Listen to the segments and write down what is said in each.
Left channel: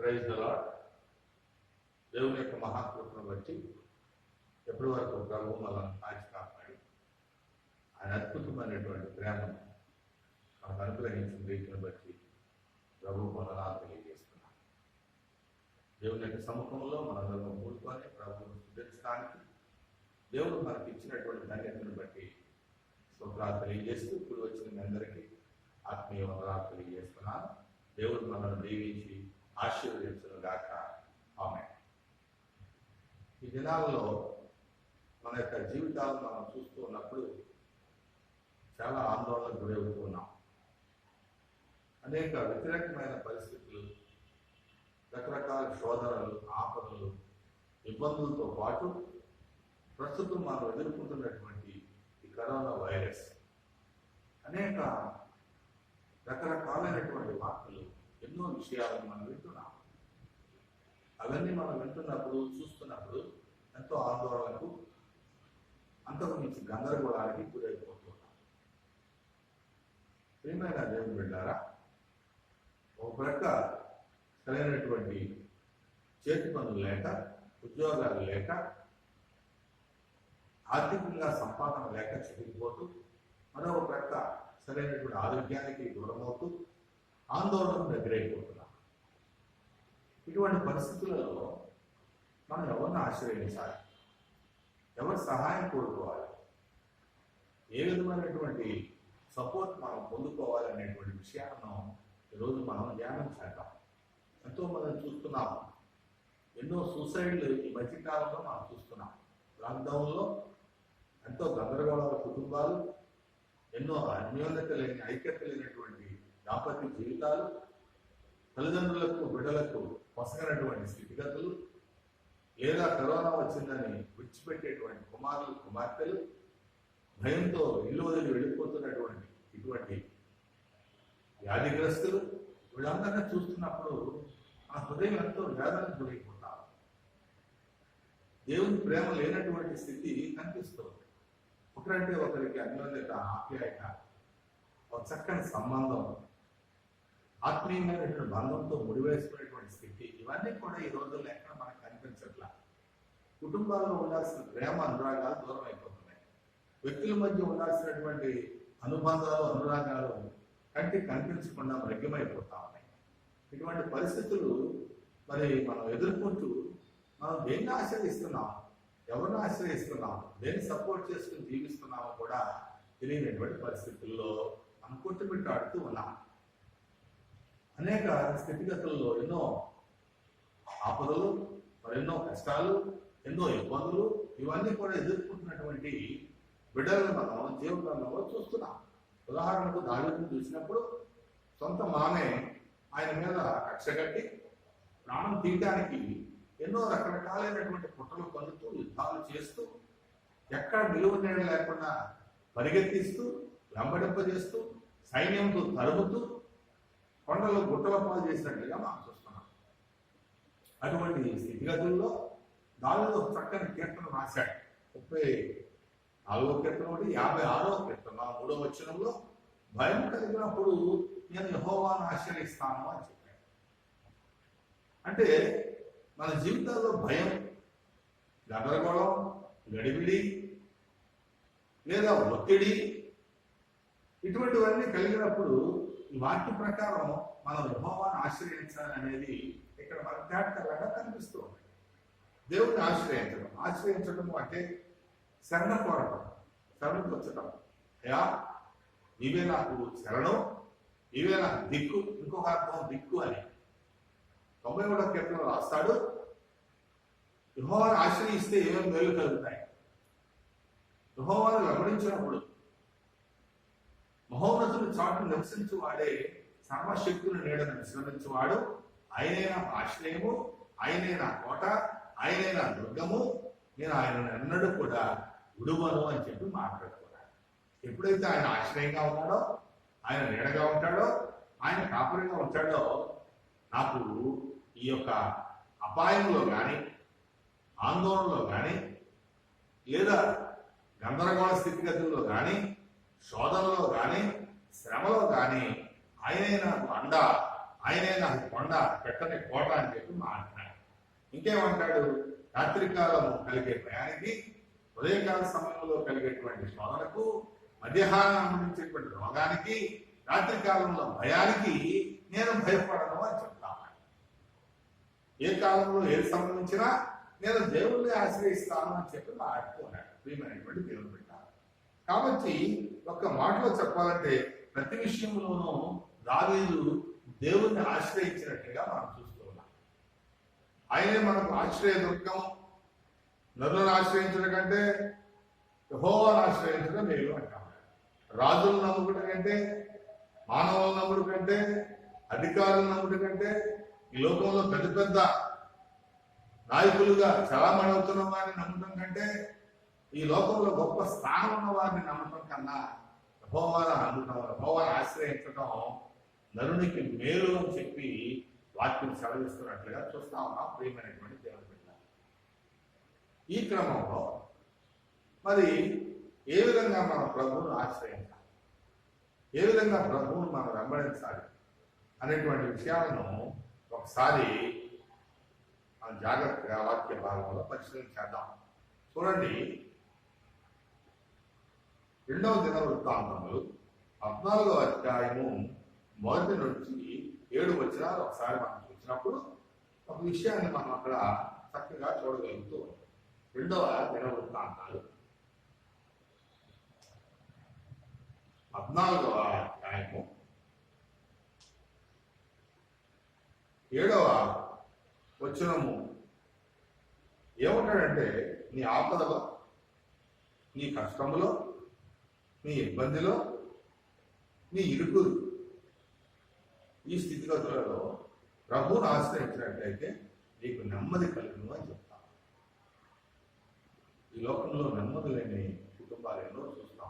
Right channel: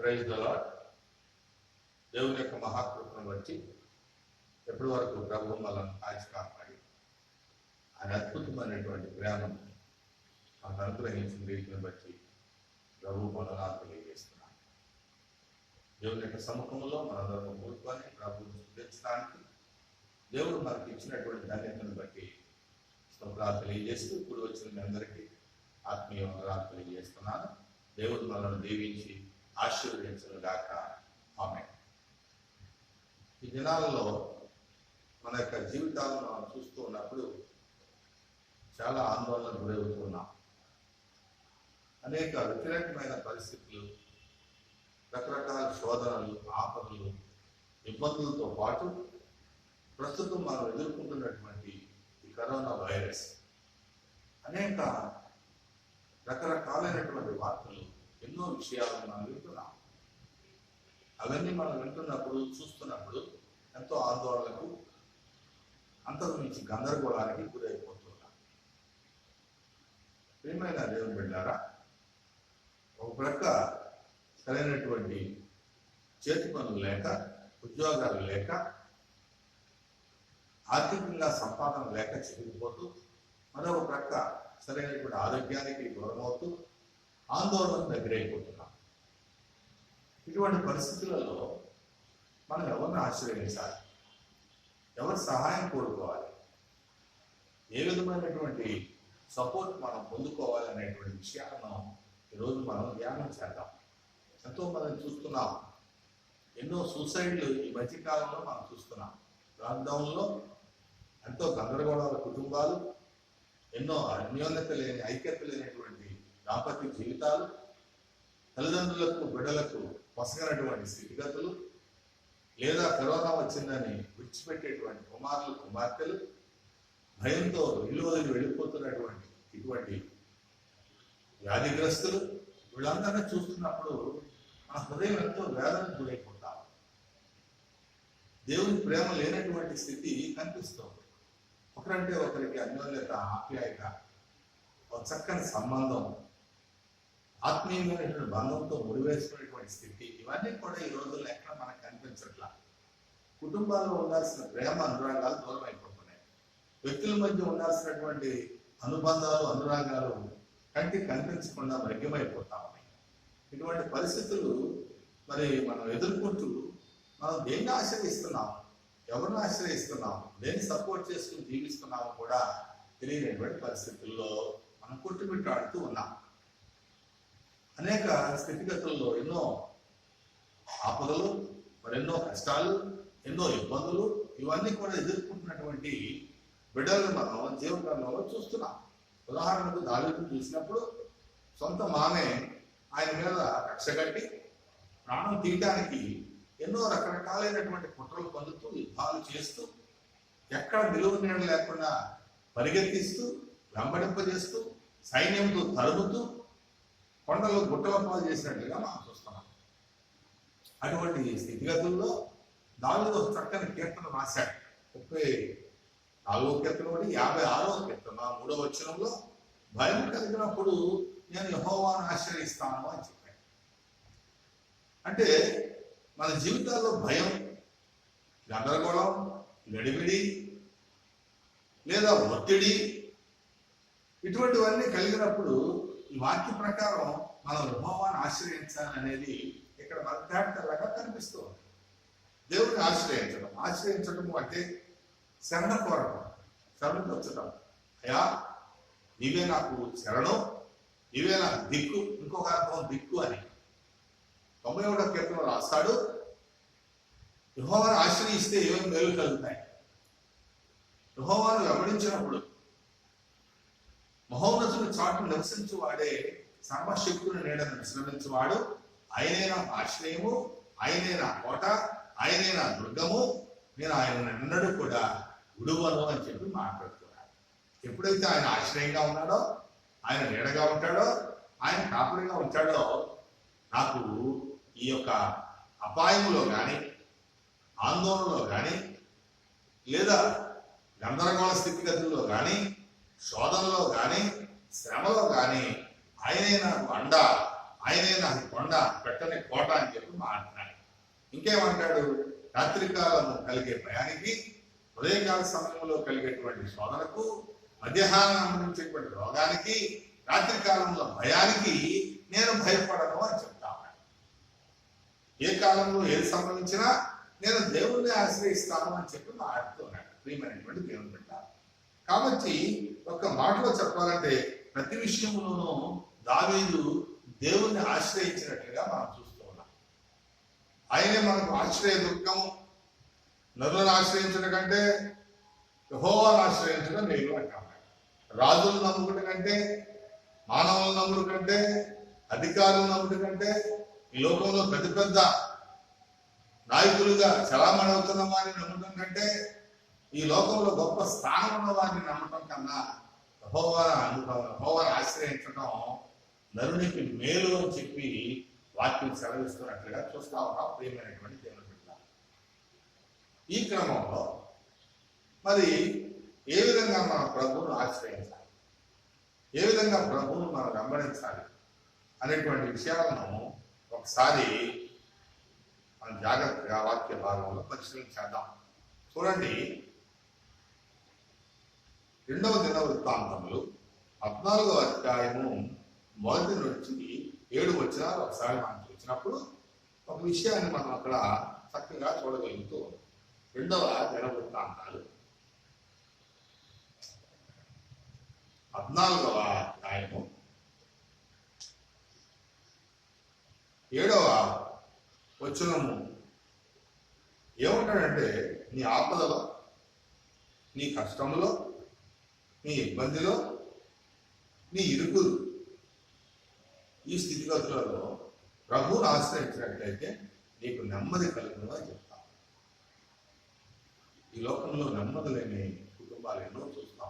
Praise the lord. దేవుని యొక్క మహాకృపను బట్టి ఎప్పటి వరకు ప్రభు మనల్ని కాచి కాపాడి ఆయన అద్భుతమైనటువంటి ప్రేమను మనకు అనుగ్రహించిన రీతిని బట్టి ప్రభు వందనాలు తెలియజేస్తున్నాను. దేవుని యొక్క సముఖంలో మనందరం కూడుకొని ప్రభువును స్తుతించడానికి దేవుడు మనకి ఇచ్చినటువంటి ధన్యతను బట్టి స్తోత్రాలు తెలియజేస్తూ ఇప్పుడు వచ్చిన మీ అందరికీ ఆత్మీయ వందనాలు తెలియజేస్తున్నాను. దేవుడు మనల్ని దీవించి ఆశీర్వదించను గాక. ఆమేన్. ఈ దినాలలో మన యొక్క జీవితాలను మనం చూస్తూ ఉన్నప్పుడు చాలా ఆందోళనకు గురవుతూ ఉన్నాం. అనేక వ్యతిరేకమైన పరిస్థితులు, రకరకాల శోధనలు, ఆపదలు, ఇబ్బందులతో పాటు ప్రస్తుతం మనం ఎదుర్కొంటున్నటువంటి ఈ కరోనా వైరస్ అనేక రకరకాలైనటువంటి వార్తలు, ఎన్నో విషయాలను మనం వింటున్నాం. అవన్నీ మనం వింటున్నప్పుడు, చూస్తున్నప్పుడు ఎంతో ఆందోళనకు, అంతకు మించి గందరగోళానికి గురైపోతున్నాం. ప్రియమైన దేవుని బిడ్డారా, ఒక ప్రక్క సరైనటువంటి చేతి పనులు లేక, ఉద్యోగాలు లేక, ఆర్థికంగా సంపాదన లేక చిరిగిపోతూ, మరొక ప్రక్క సరైనటువంటి ఆరోగ్యానికి దూరమవుతూ ఆందోళనకు దగ్గరైపోతున్నాం. ఇటువంటి పరిస్థితులలో మనం ఎవరిని ఆశ్రయించాలి, ఎవరి సహాయం కోరుకోవాలి, ఏ విధమైనటువంటి సపోర్ట్ మనం పొందుకోవాలి అనేటువంటి విషయాలను ఈరోజు మనం ధ్యానం చేద్దాం. ఎంతో మనం చూస్తున్నాం, ఎన్నో సూసైడ్లు ఈ మధ్యకాలంలో మనం చూస్తున్నాం. లాక్డౌన్లో ఎంతో గందరగోళాల కుటుంబాలు, ఎన్నో అన్యోన్యత లేని, ఐక్యత లేనటువంటి దాంపత్య జీవితాలు, తల్లిదండ్రులకు బిడ్డలకు పొసగనటువంటి స్థితిగతులు, లేదా కరోనా వచ్చిందని విడిచిపెట్టేటువంటి కుమారులు, కుమార్తెలు, భయంతో ఇల్లు వదిలి వెళ్ళిపోతున్నటువంటి ఇటువంటి వ్యాధిగ్రస్తులు, వీళ్ళందరినీ చూస్తున్నప్పుడు మన హృదయం ఎంతో వేదనకు గురైపోతాం. దేవుని ప్రేమ లేనటువంటి స్థితి కనిపిస్తుంది. ఒకరంటే ఒకరికి అన్యోన్యత, ఆప్యాయత, ఒక చక్కని సంబంధం, ఆత్మీయమైనటువంటి బంధంతో ముడివేసుకునేటువంటి స్థితి, ఇవన్నీ కూడా ఈ రోజుల్లో ఎక్కడ మనకు కనిపించట్లా. కుటుంబాల్లో ఉండాల్సిన ప్రేమ, అనురాగాలు దూరం అయిపోతున్నాయి. వ్యక్తుల మధ్య ఉండాల్సినటువంటి అనుబంధాలు, అనురాగాలు కంటికి కనిపించకుండా మరిగ్యమైపోతా ఉన్నాయి. ఇటువంటి పరిస్థితులు మరి మనం ఎదుర్కొంటూ మనం దేన్ని ఆశ్రయిస్తున్నాం, ఎవరిని ఆశ్రయిస్తున్నాం, దేన్ని సపోర్ట్ చేసుకుని జీవిస్తున్నామో కూడా తెలియనటువంటి పరిస్థితుల్లో మనం కొట్టుమిట్టాడుతూ ఉన్నాం. అనేక స్థితిగతుల్లో ఎన్నో ఆపదలు, మరెన్నో కష్టాలు, ఎన్నో ఇబ్బందులు, ఇవన్నీ కూడా ఎదుర్కొంటున్నటువంటి బిడ్డలను మనం జీవనంలో చూస్తున్నాం. ఉదాహరణకు దావీదును చూసినప్పుడు సొంత మామే ఆయన మీద కక్ష కట్టి ప్రాణం తీయడానికి ఎన్నో రకరకాలైనటువంటి కుట్రలు పొందుతూ, యుద్ధాలు చేస్తూ, ఎక్కడ నిలువ నీడ లేకుండా పరిగెత్తిస్తూ, వెంబడింపజేస్తూ, సైన్యంతో తరుముతూ, కొండలు గుట్టల పాలు చేసినట్లుగా మనం చూస్తున్నాం. అటువంటి స్థితిగతుల్లో దావీదు ఒక చక్కని కీర్తన రాశాడు. 34వ కీర్తన ఒకటి, 56వ కీర్తన 3వ వచనంలో, భయం కలిగినప్పుడు నేను యెహోవాను ఆశ్రయిస్తాను అని చెప్పాడు. అంటే మన జీవితాల్లో భయం, గందరగోళం, గడిబిడి లేదా ఒత్తిడి, ఇటువంటివన్నీ కలిగినప్పుడు ఈ వాక్య ప్రకారం మనం యెహోవాను ఆశ్రయించాలనేది ఇక్కడ మనకు తేటతెల్లగా కనిపిస్తూ ఉంది. దేవుడిని ఆశ్రయించడం అంటే శరణ కోరడం, శరణుకొచ్చటం. అయ్యా నీవే నాకు శరణం, నీవే నాకు దిక్కు. ఇంకొక అర్థం దిక్కు అని 91వ కీర్తనలో రాస్తాడు, యెహోవాను ఆశ్రయిస్తే ఏమేమి మేలు కలుగుతాయి. యెహోవాను వెంబడించినప్పుడు మహోన్నతుని చాటు నివసించువాడే సర్వశక్తుని నీడను విశ్రమించువాడు, ఆయనే నా ఆశ్రయము, ఆయనే నా కోట, ఆయనే నా దుర్గము, నేను ఆయన ఎన్నడూ కూడా విడువను అని చెప్పి మాట్లాడుతున్నాడు. ఎప్పుడైతే ఆయన ఆశ్రయంగా ఉన్నాడో, ఆయన నీడగా ఉంటాడో, ఆయన కాపురిగా ఉంటాడో, నాకు ఈ యొక్క అపాయంలో కానీ, ఆందోళనలో కానీ, లేదా గందరగోళ స్థితిగతుల్లో కానీ, శోధనలో కానీ, శ్రమలో కానీ ఆయనే నాకు అండ, ఆయనే నాకు కొండ పెట్టని కోట అని చెప్పి మాట్లాడాడు. ఇంకేమంటాడు? రాత్రికాలము కలిగే భయానికి, ఉదయకాల సమయంలో కలిగేటువంటి శోధనకు, మధ్యాహ్నం నుంచేటువంటి రోగానికి, రాత్రికాలంలో భయానికి నేను భయపడను అని చెప్తా ఉన్నాడు. ఏ కాలంలో ఏది సంభవించినా నేను దేవుణ్ణి ఆశ్రయిస్తాను అని చెప్పి మాట్లాడుతున్నాడు. ప్రియమైనటువంటి దేవుని బిడ్డ, కాబట్టి ఒక్క మాటలో చెప్పాలంటే ప్రతి విషయంలోనూ దావీదు దేవుణ్ణి ఆశ్రయించినట్లుగా మనం చూస్తూ ఉన్నాం. ఆయనే మనకు ఆశ్రయ దుర్గం. నరులను ఆశ్రయించడం కంటే యెహోవాను ఆశ్రయించడం మేలు అంటాం. రాజులను నమ్ముకుట కంటే, మానవులను నమ్ముడు కంటే, అధికారులను నమ్ముడు కంటే, ఈ లోకంలో పెద్ద పెద్ద నాయకులుగా చలామణి అవుతున్న వారిని నమ్మటం కంటే, ఈ లోకంలో గొప్ప స్థానం ఉన్న వారిని నమ్మటం కన్నా యెహోవాను నమ్మటం, యెహోవాను ఆశ్రయించడం నరునికి మేలు అని చెప్పి వాక్యం సెలవిస్తున్నట్లుగా చూస్తా ఉన్నాం. ప్రియమైనటువంటి దేవుని బిడ్డ, ఈ క్రమంలో మరి ఏ విధంగా మన ప్రభువును ఆశ్రయించాలి, ఏ విధంగా ప్రభువును మనం వెంబడించాలి అనేటువంటి విషయాలను ఒకసారి మనం జాగ్రత్తగా వాక్య భాగంలో పరిశీలించేద్దాం. చూడండి, 2వ దినవృత్తాంతములు 14వ అధ్యాయము 1 నుంచి 7 వచనాలు ఒకసారి మనం చూసినప్పుడు ఒక విషయాన్ని మనం అక్కడ చక్కగా చూడగలుగుతూ ఉన్నాం. 2వ దినవృత్తాంతాలు 14వ అధ్యాయము 7వ వచనము ఏమంటాడంటే, నీ ఆపదలో, నీ కష్టములో, నీ ఇబ్బందిలో, నీ ఇరుకులు, ఈ స్థితిగతులలో ప్రభువును ఆశ్రయించినట్లయితే నీకు నెమ్మది కలుగును అని చెప్తాం. ఈ లోకంలో నెమ్మది లేని కుటుంబాలు ఎన్నో చూస్తాం.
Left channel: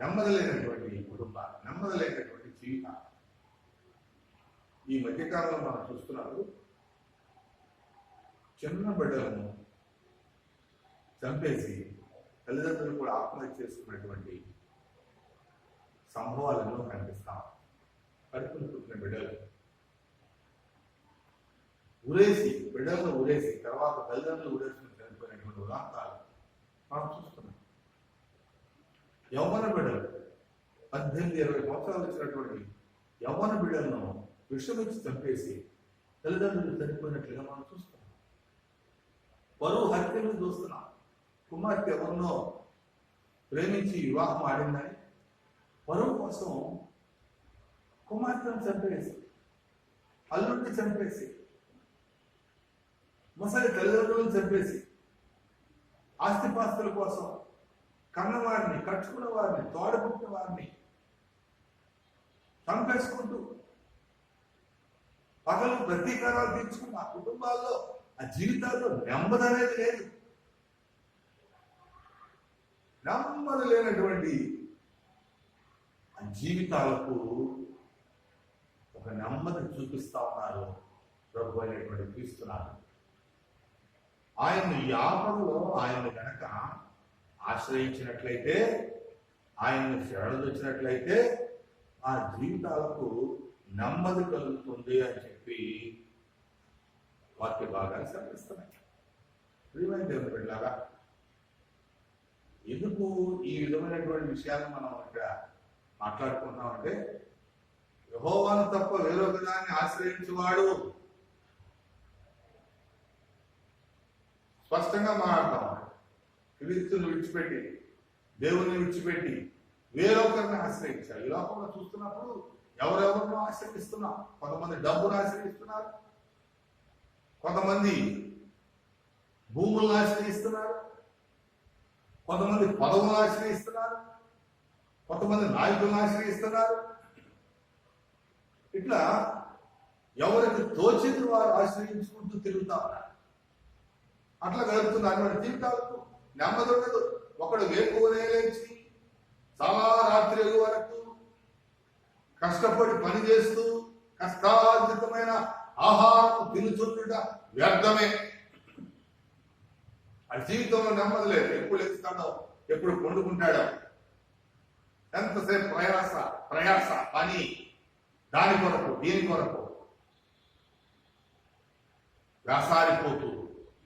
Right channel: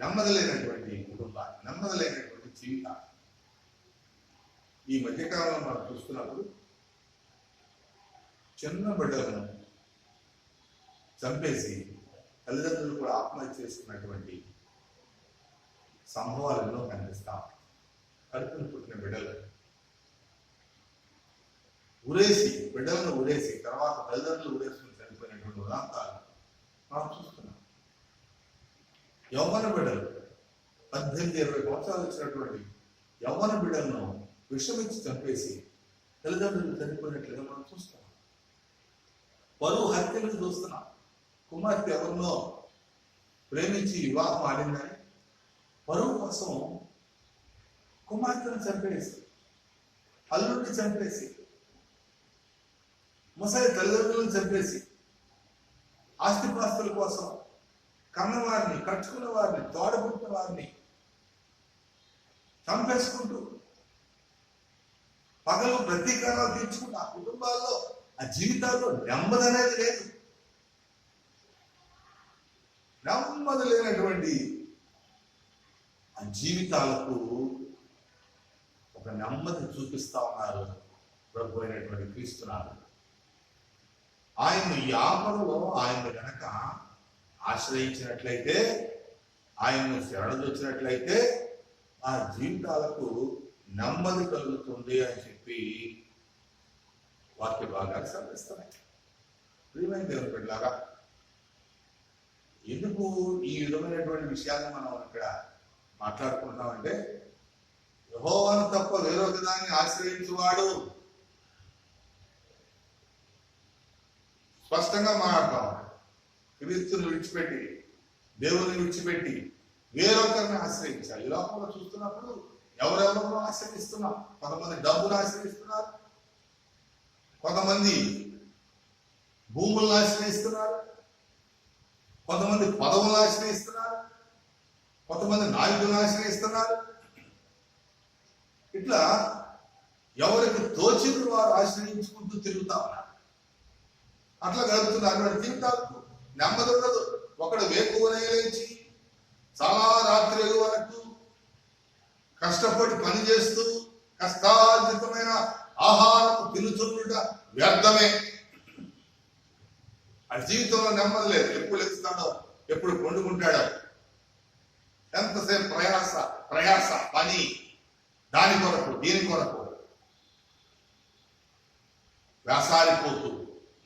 నెమ్మది లేనటువంటి కుటుంబాలు, నెమ్మది లేనటువంటి జీవితాలు ఈ మధ్యకాలంలో మనం చూస్తున్నప్పుడు చిన్న బిడ్డలను చంపేసి తల్లిదండ్రులు కూడా ఆత్మహత్య చేసుకున్నటువంటి సంభవాలు ఎన్నో కనిపిస్తాం. కడుపును పుట్టిన బిడ్డలు బిడ్డలను ఊరేసి తర్వాత తల్లిదండ్రులు ఊరేసుకుని చనిపోయినటువంటి ఉదాంతాలు మనం చూస్తున్నాం. యవ్వన బిడ్డలు 18-20 సంవత్సరాలు వచ్చినటువంటి యవ్వన బిడ్డలను విషమించి చంపేసి తల్లిదండ్రులు చనిపోయినట్లుగా మనం చూస్తున్నాం. పరువు హత్యలను చూస్తున్నాం. కుమార్తె ఎవరినో ప్రేమించి వివాహం ఆడిందని పరువు కోసం కుమార్తెను చంపేసి, అల్లుడిని చంపేసి, ముసలి తల్లిదండ్రులను చంపేసి, ఆస్తిపాస్తుల కోసం కన్నవారిని, కట్టుకున్న వారిని, తోడబుట్టిన వారిని చంపేసుకుంటూ పగలు ప్రతీకారాలు తీర్చుకున్న ఆ కుటుంబాల్లో, ఆ జీవితాల్లో నెమ్మది అనేది లేదు. నెమ్మది లేనటువంటి ఆ జీవితాలకు ఒక నెమ్మది చూపిస్తా ఉన్నారు ప్రభు అయినటువంటి క్రీస్తునాథుడు. ఆయన్ను ఈ ఆపదలో ఆయన్ను గనక ఆశ్రయించినట్లయితే, ఆయన్ను శరణొచ్చినట్లయితే ఆ జీవితాలకు నెమ్మది కలుగుతుంది అని చెప్పి వాక్య భాగాలు సెలవిస్తున్నాయి. ప్రియమైన దేవుని బిడ్డలారా, ఎందుకు ఈ విధమైనటువంటి విషయాలను మనం ఇక్కడ మాట్లాడుకుంటున్నామంటే, యెహోవాను తప్ప వేరొక దాన్ని ఆశ్రయించువాడు, స్పష్టంగా మాట్లాడతాం, క్రీస్తుని విడిచిపెట్టి, దేవుని విడిచిపెట్టి వేరొకరిని ఆశ్రయించాలి. ఈ లోకంలో చూస్తున్నప్పుడు ఎవరెవరినో ఆశ్రయిస్తున్నాం. కొంతమంది డబ్బును ఆశ్రయిస్తున్నారు, కొంతమంది భూములను ఆశ్రయిస్తున్నారు, కొంతమంది పదవులను ఆశ్రయిస్తున్నారు, కొంతమంది నాయకులను ఆశ్రయిస్తున్నారు. ఇట్లా ఎవరికి తోచింది వారు ఆశ్రయించుకుంటూ తిరుగుతా ఉన్నారు. అట్లా గడుపుతున్నారు. అటువంటి జీవితాలకు నెమ్మది ఉండదు. ఒకడు వేకువనే లేచి చాలా రాత్రి వరకు కష్టపడి పని చేస్తూ కష్టార్జితమైన ఆహారం తినుచుండుట వ్యర్థమే. ఆ జీవితంలో నెమ్మది లేదు. ఎప్పుడు లెగుస్తాడో, ఎప్పుడు పండుకుంటాడో, ఎంతసేపు ప్రయాస పని, దాని కొరకు దీని కొరకు వ్యాసారిపోతూ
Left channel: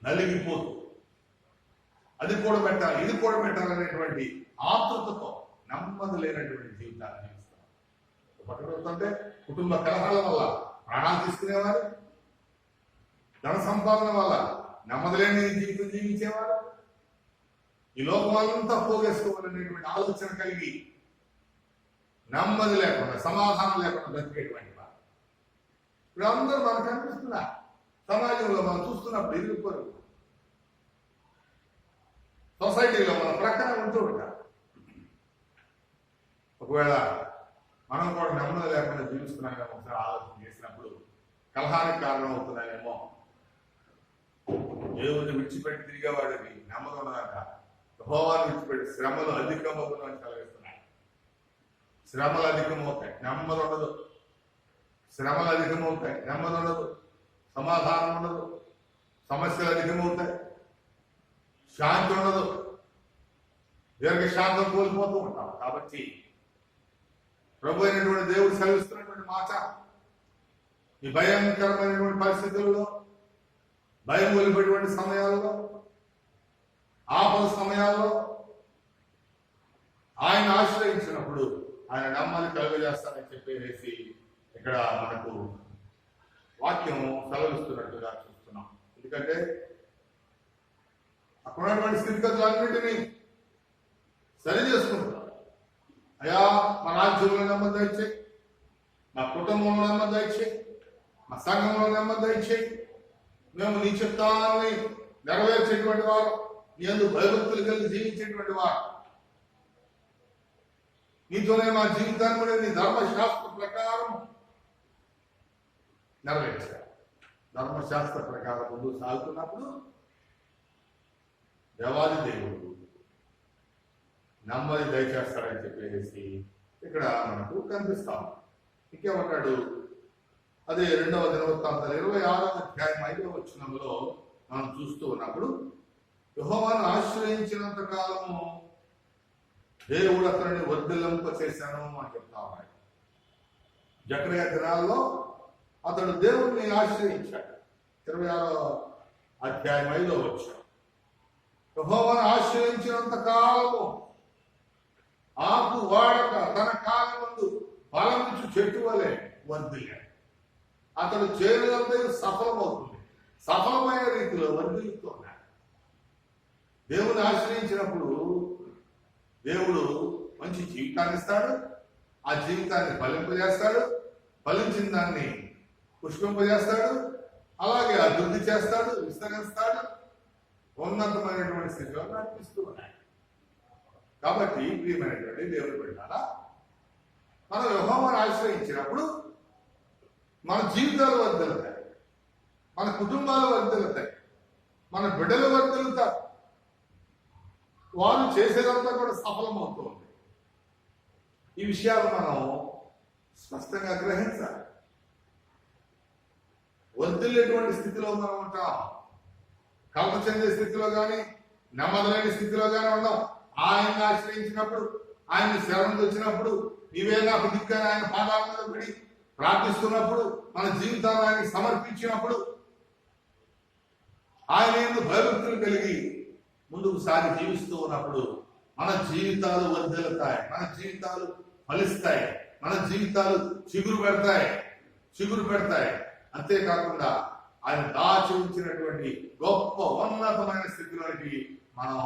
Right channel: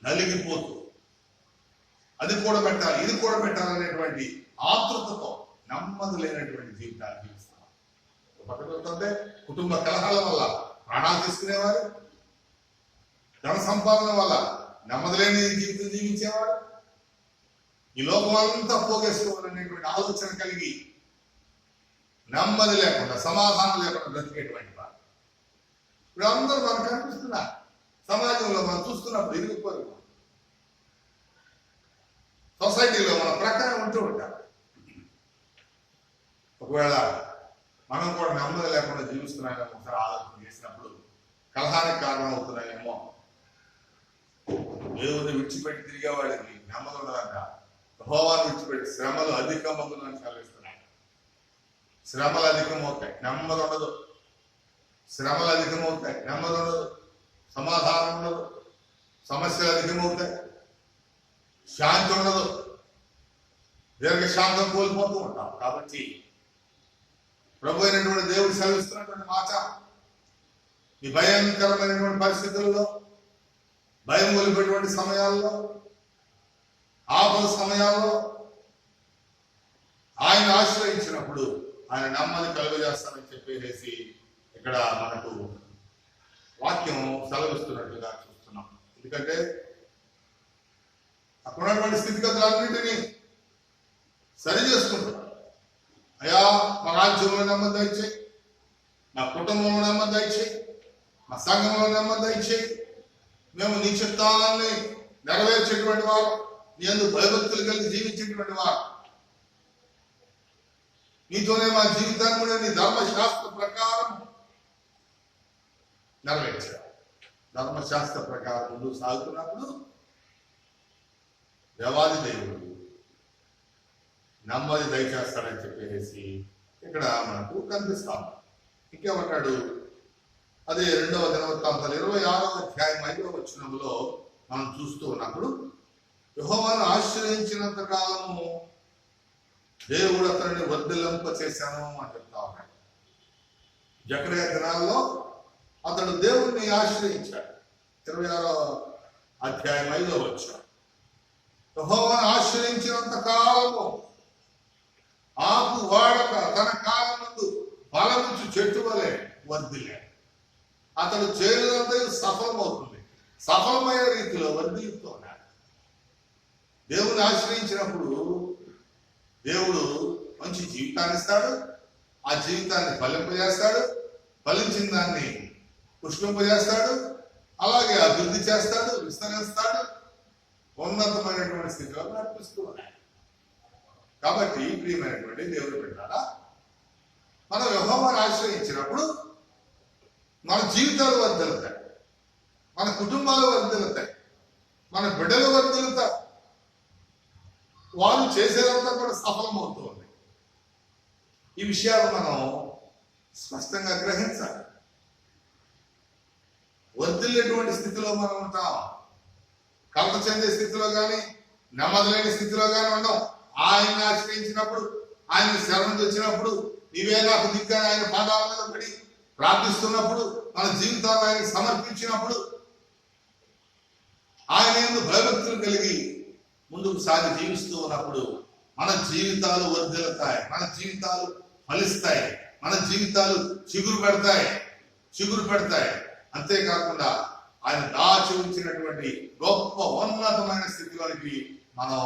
నలిగిపోతూ అది కూడా పెట్టాలి ఇది కూడా పెట్టాలనేటువంటి ఆతృతతో నెమ్మది లేనటువంటి జీవితాన్ని జీవిస్తున్నాం. పక్కకుంటే కుటుంబ కలహాల వల్ల ప్రాణాలు తీసుకునేవారు, ధన సంపాదన వల్ల నెమ్మది లేని జీవితం జీవించేవారు, ఈ లోకం అంతా పోగేసుకోవాలనేటువంటి ఆలోచన కలిగి నెమ్మది లేకుండా సమాధానం లేకుండా బ్రతికేటువంటి వారు ఇప్పుడు అందరూ మనకు కనిపిస్తున్నారు. సమాజంలో మనం చూస్తున్నప్పుడు ఇరిగిపోయి సొసైటీలో మన ప్రక్కనే ఉంటూ ఉంటారు. ఒకవేళ మనం కూడా నెమ్మది లేకుండా జీవిస్తున్నామేమో ఒకసారి ఆలోచన చేసినప్పుడు కలహానికి కారణం అవుతున్నాయేమో. దేవుని విడిచిపెట్టి తిరిగేవాడికి నెమ్మది ఉండదంట. యెహోవాను విడిచిపెట్టి శ్రమలు అధికమగునని సెలవిస్తున్నాయి. శ్రమలు అధికమవుతాయి, నెమ్మది ఉండదు. శ్రమలు అధికమవుతాయి, నెమ్మది ఉండదు. సమాధానం ఉండదు, సమస్యలు అధికమవుతాయి, శాంతి ఉండదు, దీర్ఘశాంతం కోల్పోతూ ఉంటాం. కాబట్టి ప్రభు అయినటువంటి దేవుడు సెలవిస్తున్నటువంటి మాట, ఈ భయంకరమైనటువంటి పరిస్థితుల్లో, భయం కొలిపేటువంటి సమయాల్లో, ఆపద సమయాల్లో ఆయన ఆశ్రయించినప్పుడు ఆయన నెమ్మది కలుగజేస్తానని చెప్పేసి ఇక్కడ మనకు వాక్యం సెలవిస్తున్నట్టుగా చూస్తున్నాం. ఎందుకంటే అక్కడ ఉన్నటువంటి స్థితిగతులన్నింటినీ సరి చేసుకుంటున్నాం. అయ్యా మా రాజ్యంలో నెమ్మది దయచేయి, మా కుటుంబంలో నెమ్మది దయచేయి, మా సంఘంలో నెమ్మది దయచేయి. మేము నీ చిత్తాన్ని నెరవేర్చేటువంటి వారు, నీ యందు భయభక్తులు కలిగి జీవించేటువంటి వారు, నీతోనే మా జీవితాన్ని కూడా నీ ధర్మశాస్త్ర ప్రకారం నెరవేర్చారు. ధర్మశాస్త్ర ప్రకారం ముందుకు సాగుతున్నప్పుడు దేవాది దేవుడు నెమ్మది దయచేస్తాడని చెప్పేసి ఇక్కడ మనకు కనిపిస్తాం. ఇంకేమంటాడు? అదే 2వ దినవృత్తాంతాలు 26వ అధ్యాయం 5వ వచనంలో మనం చూస్తూ ఉన్నప్పుడు, యెహోవాను ఆశ్రయించినంత కాలము దేవుడు అతనిని వర్ధిల్లింప చేశాను అని చెప్తా ఉన్నాడు. జకరియా దినాల్లో అతడు దేవుణ్ణి ఆశ్రయించాడు. 26వ అధ్యాయం 5వ వచనం, యెహోవాను ఆశ్రయించినంత కాలము ఆకు వాడక తన కాలం ముందు ఫలమిచ్చు చెట్టు వలె వర్ధిల్లాడు. అతడు చేయడంతో సఫలమవుతుంది, సఫలమైన రీతిలో వర్ధిల్లుతూ ఉన్నాడు. దేవుని ఆశ్రయించినప్పుడు దేవుడు మంచి జీవితాన్ని ఇస్తాడు, ఆ జీవితాన్ని ఫలింపజేస్తాడు, ఫలించిన దాన్ని పుష్పింపజేస్తాడు, అలాగే అభివృద్ధి చేస్తాడు, విస్తరిస్తాడు, ఉన్నతమైనటువంటి స్థితిలో నడిపిస్తూ ఉన్నాడు. కాబట్టి ప్రియమైనటువంటి దేవుడు బిడ్డలారా, మనం యెహోవాను ఆశ్రయించినప్పుడు మన జీవితాలు వర్ధిల్లుతాయి, మన కుటుంబాలు వర్ధిల్లుతాయి, మన బిడ్డలు వర్ధిల్లుతారు, వారు చేసేదంతా కూడా సఫలమవుతూ ఉంది. ఈ విషయాలు మనం స్పష్టంగా గ్రహించాలి. వర్ధిల్లేటువంటి స్థితిలో మనం ఉంటాం, కలత చెందే స్థితిలో కానీ నెమ్మది లేని స్థితిలో కానీ ఉండం. ఆయన్ని ఆశ్రయించినప్పుడు, ఆయన శరణు తెచ్చినప్పుడు, నీవే నాకు దిక్కని ఆయన పాదాల మీద పడి ప్రార్థిస్తున్నప్పుడు, మన జీవితాన్ని ఆయనకి సమర్పించినప్పుడు, ఆయన యందు భయభక్తులు కలిగి ముందుకు సాగి జీవిస్తూ ఉన్నప్పుడు మన జీవితాలు వర్ధిల్లుతాయి, మన జీవితాలు ఫలిస్తాయి, మన జీవితాలు చిగురు పెడతాయి. అంతేకాకుండా ఆయన దాచి ఉంచినటువంటి గొప్ప ఉన్నతమైన స్థితిలోనికి మనం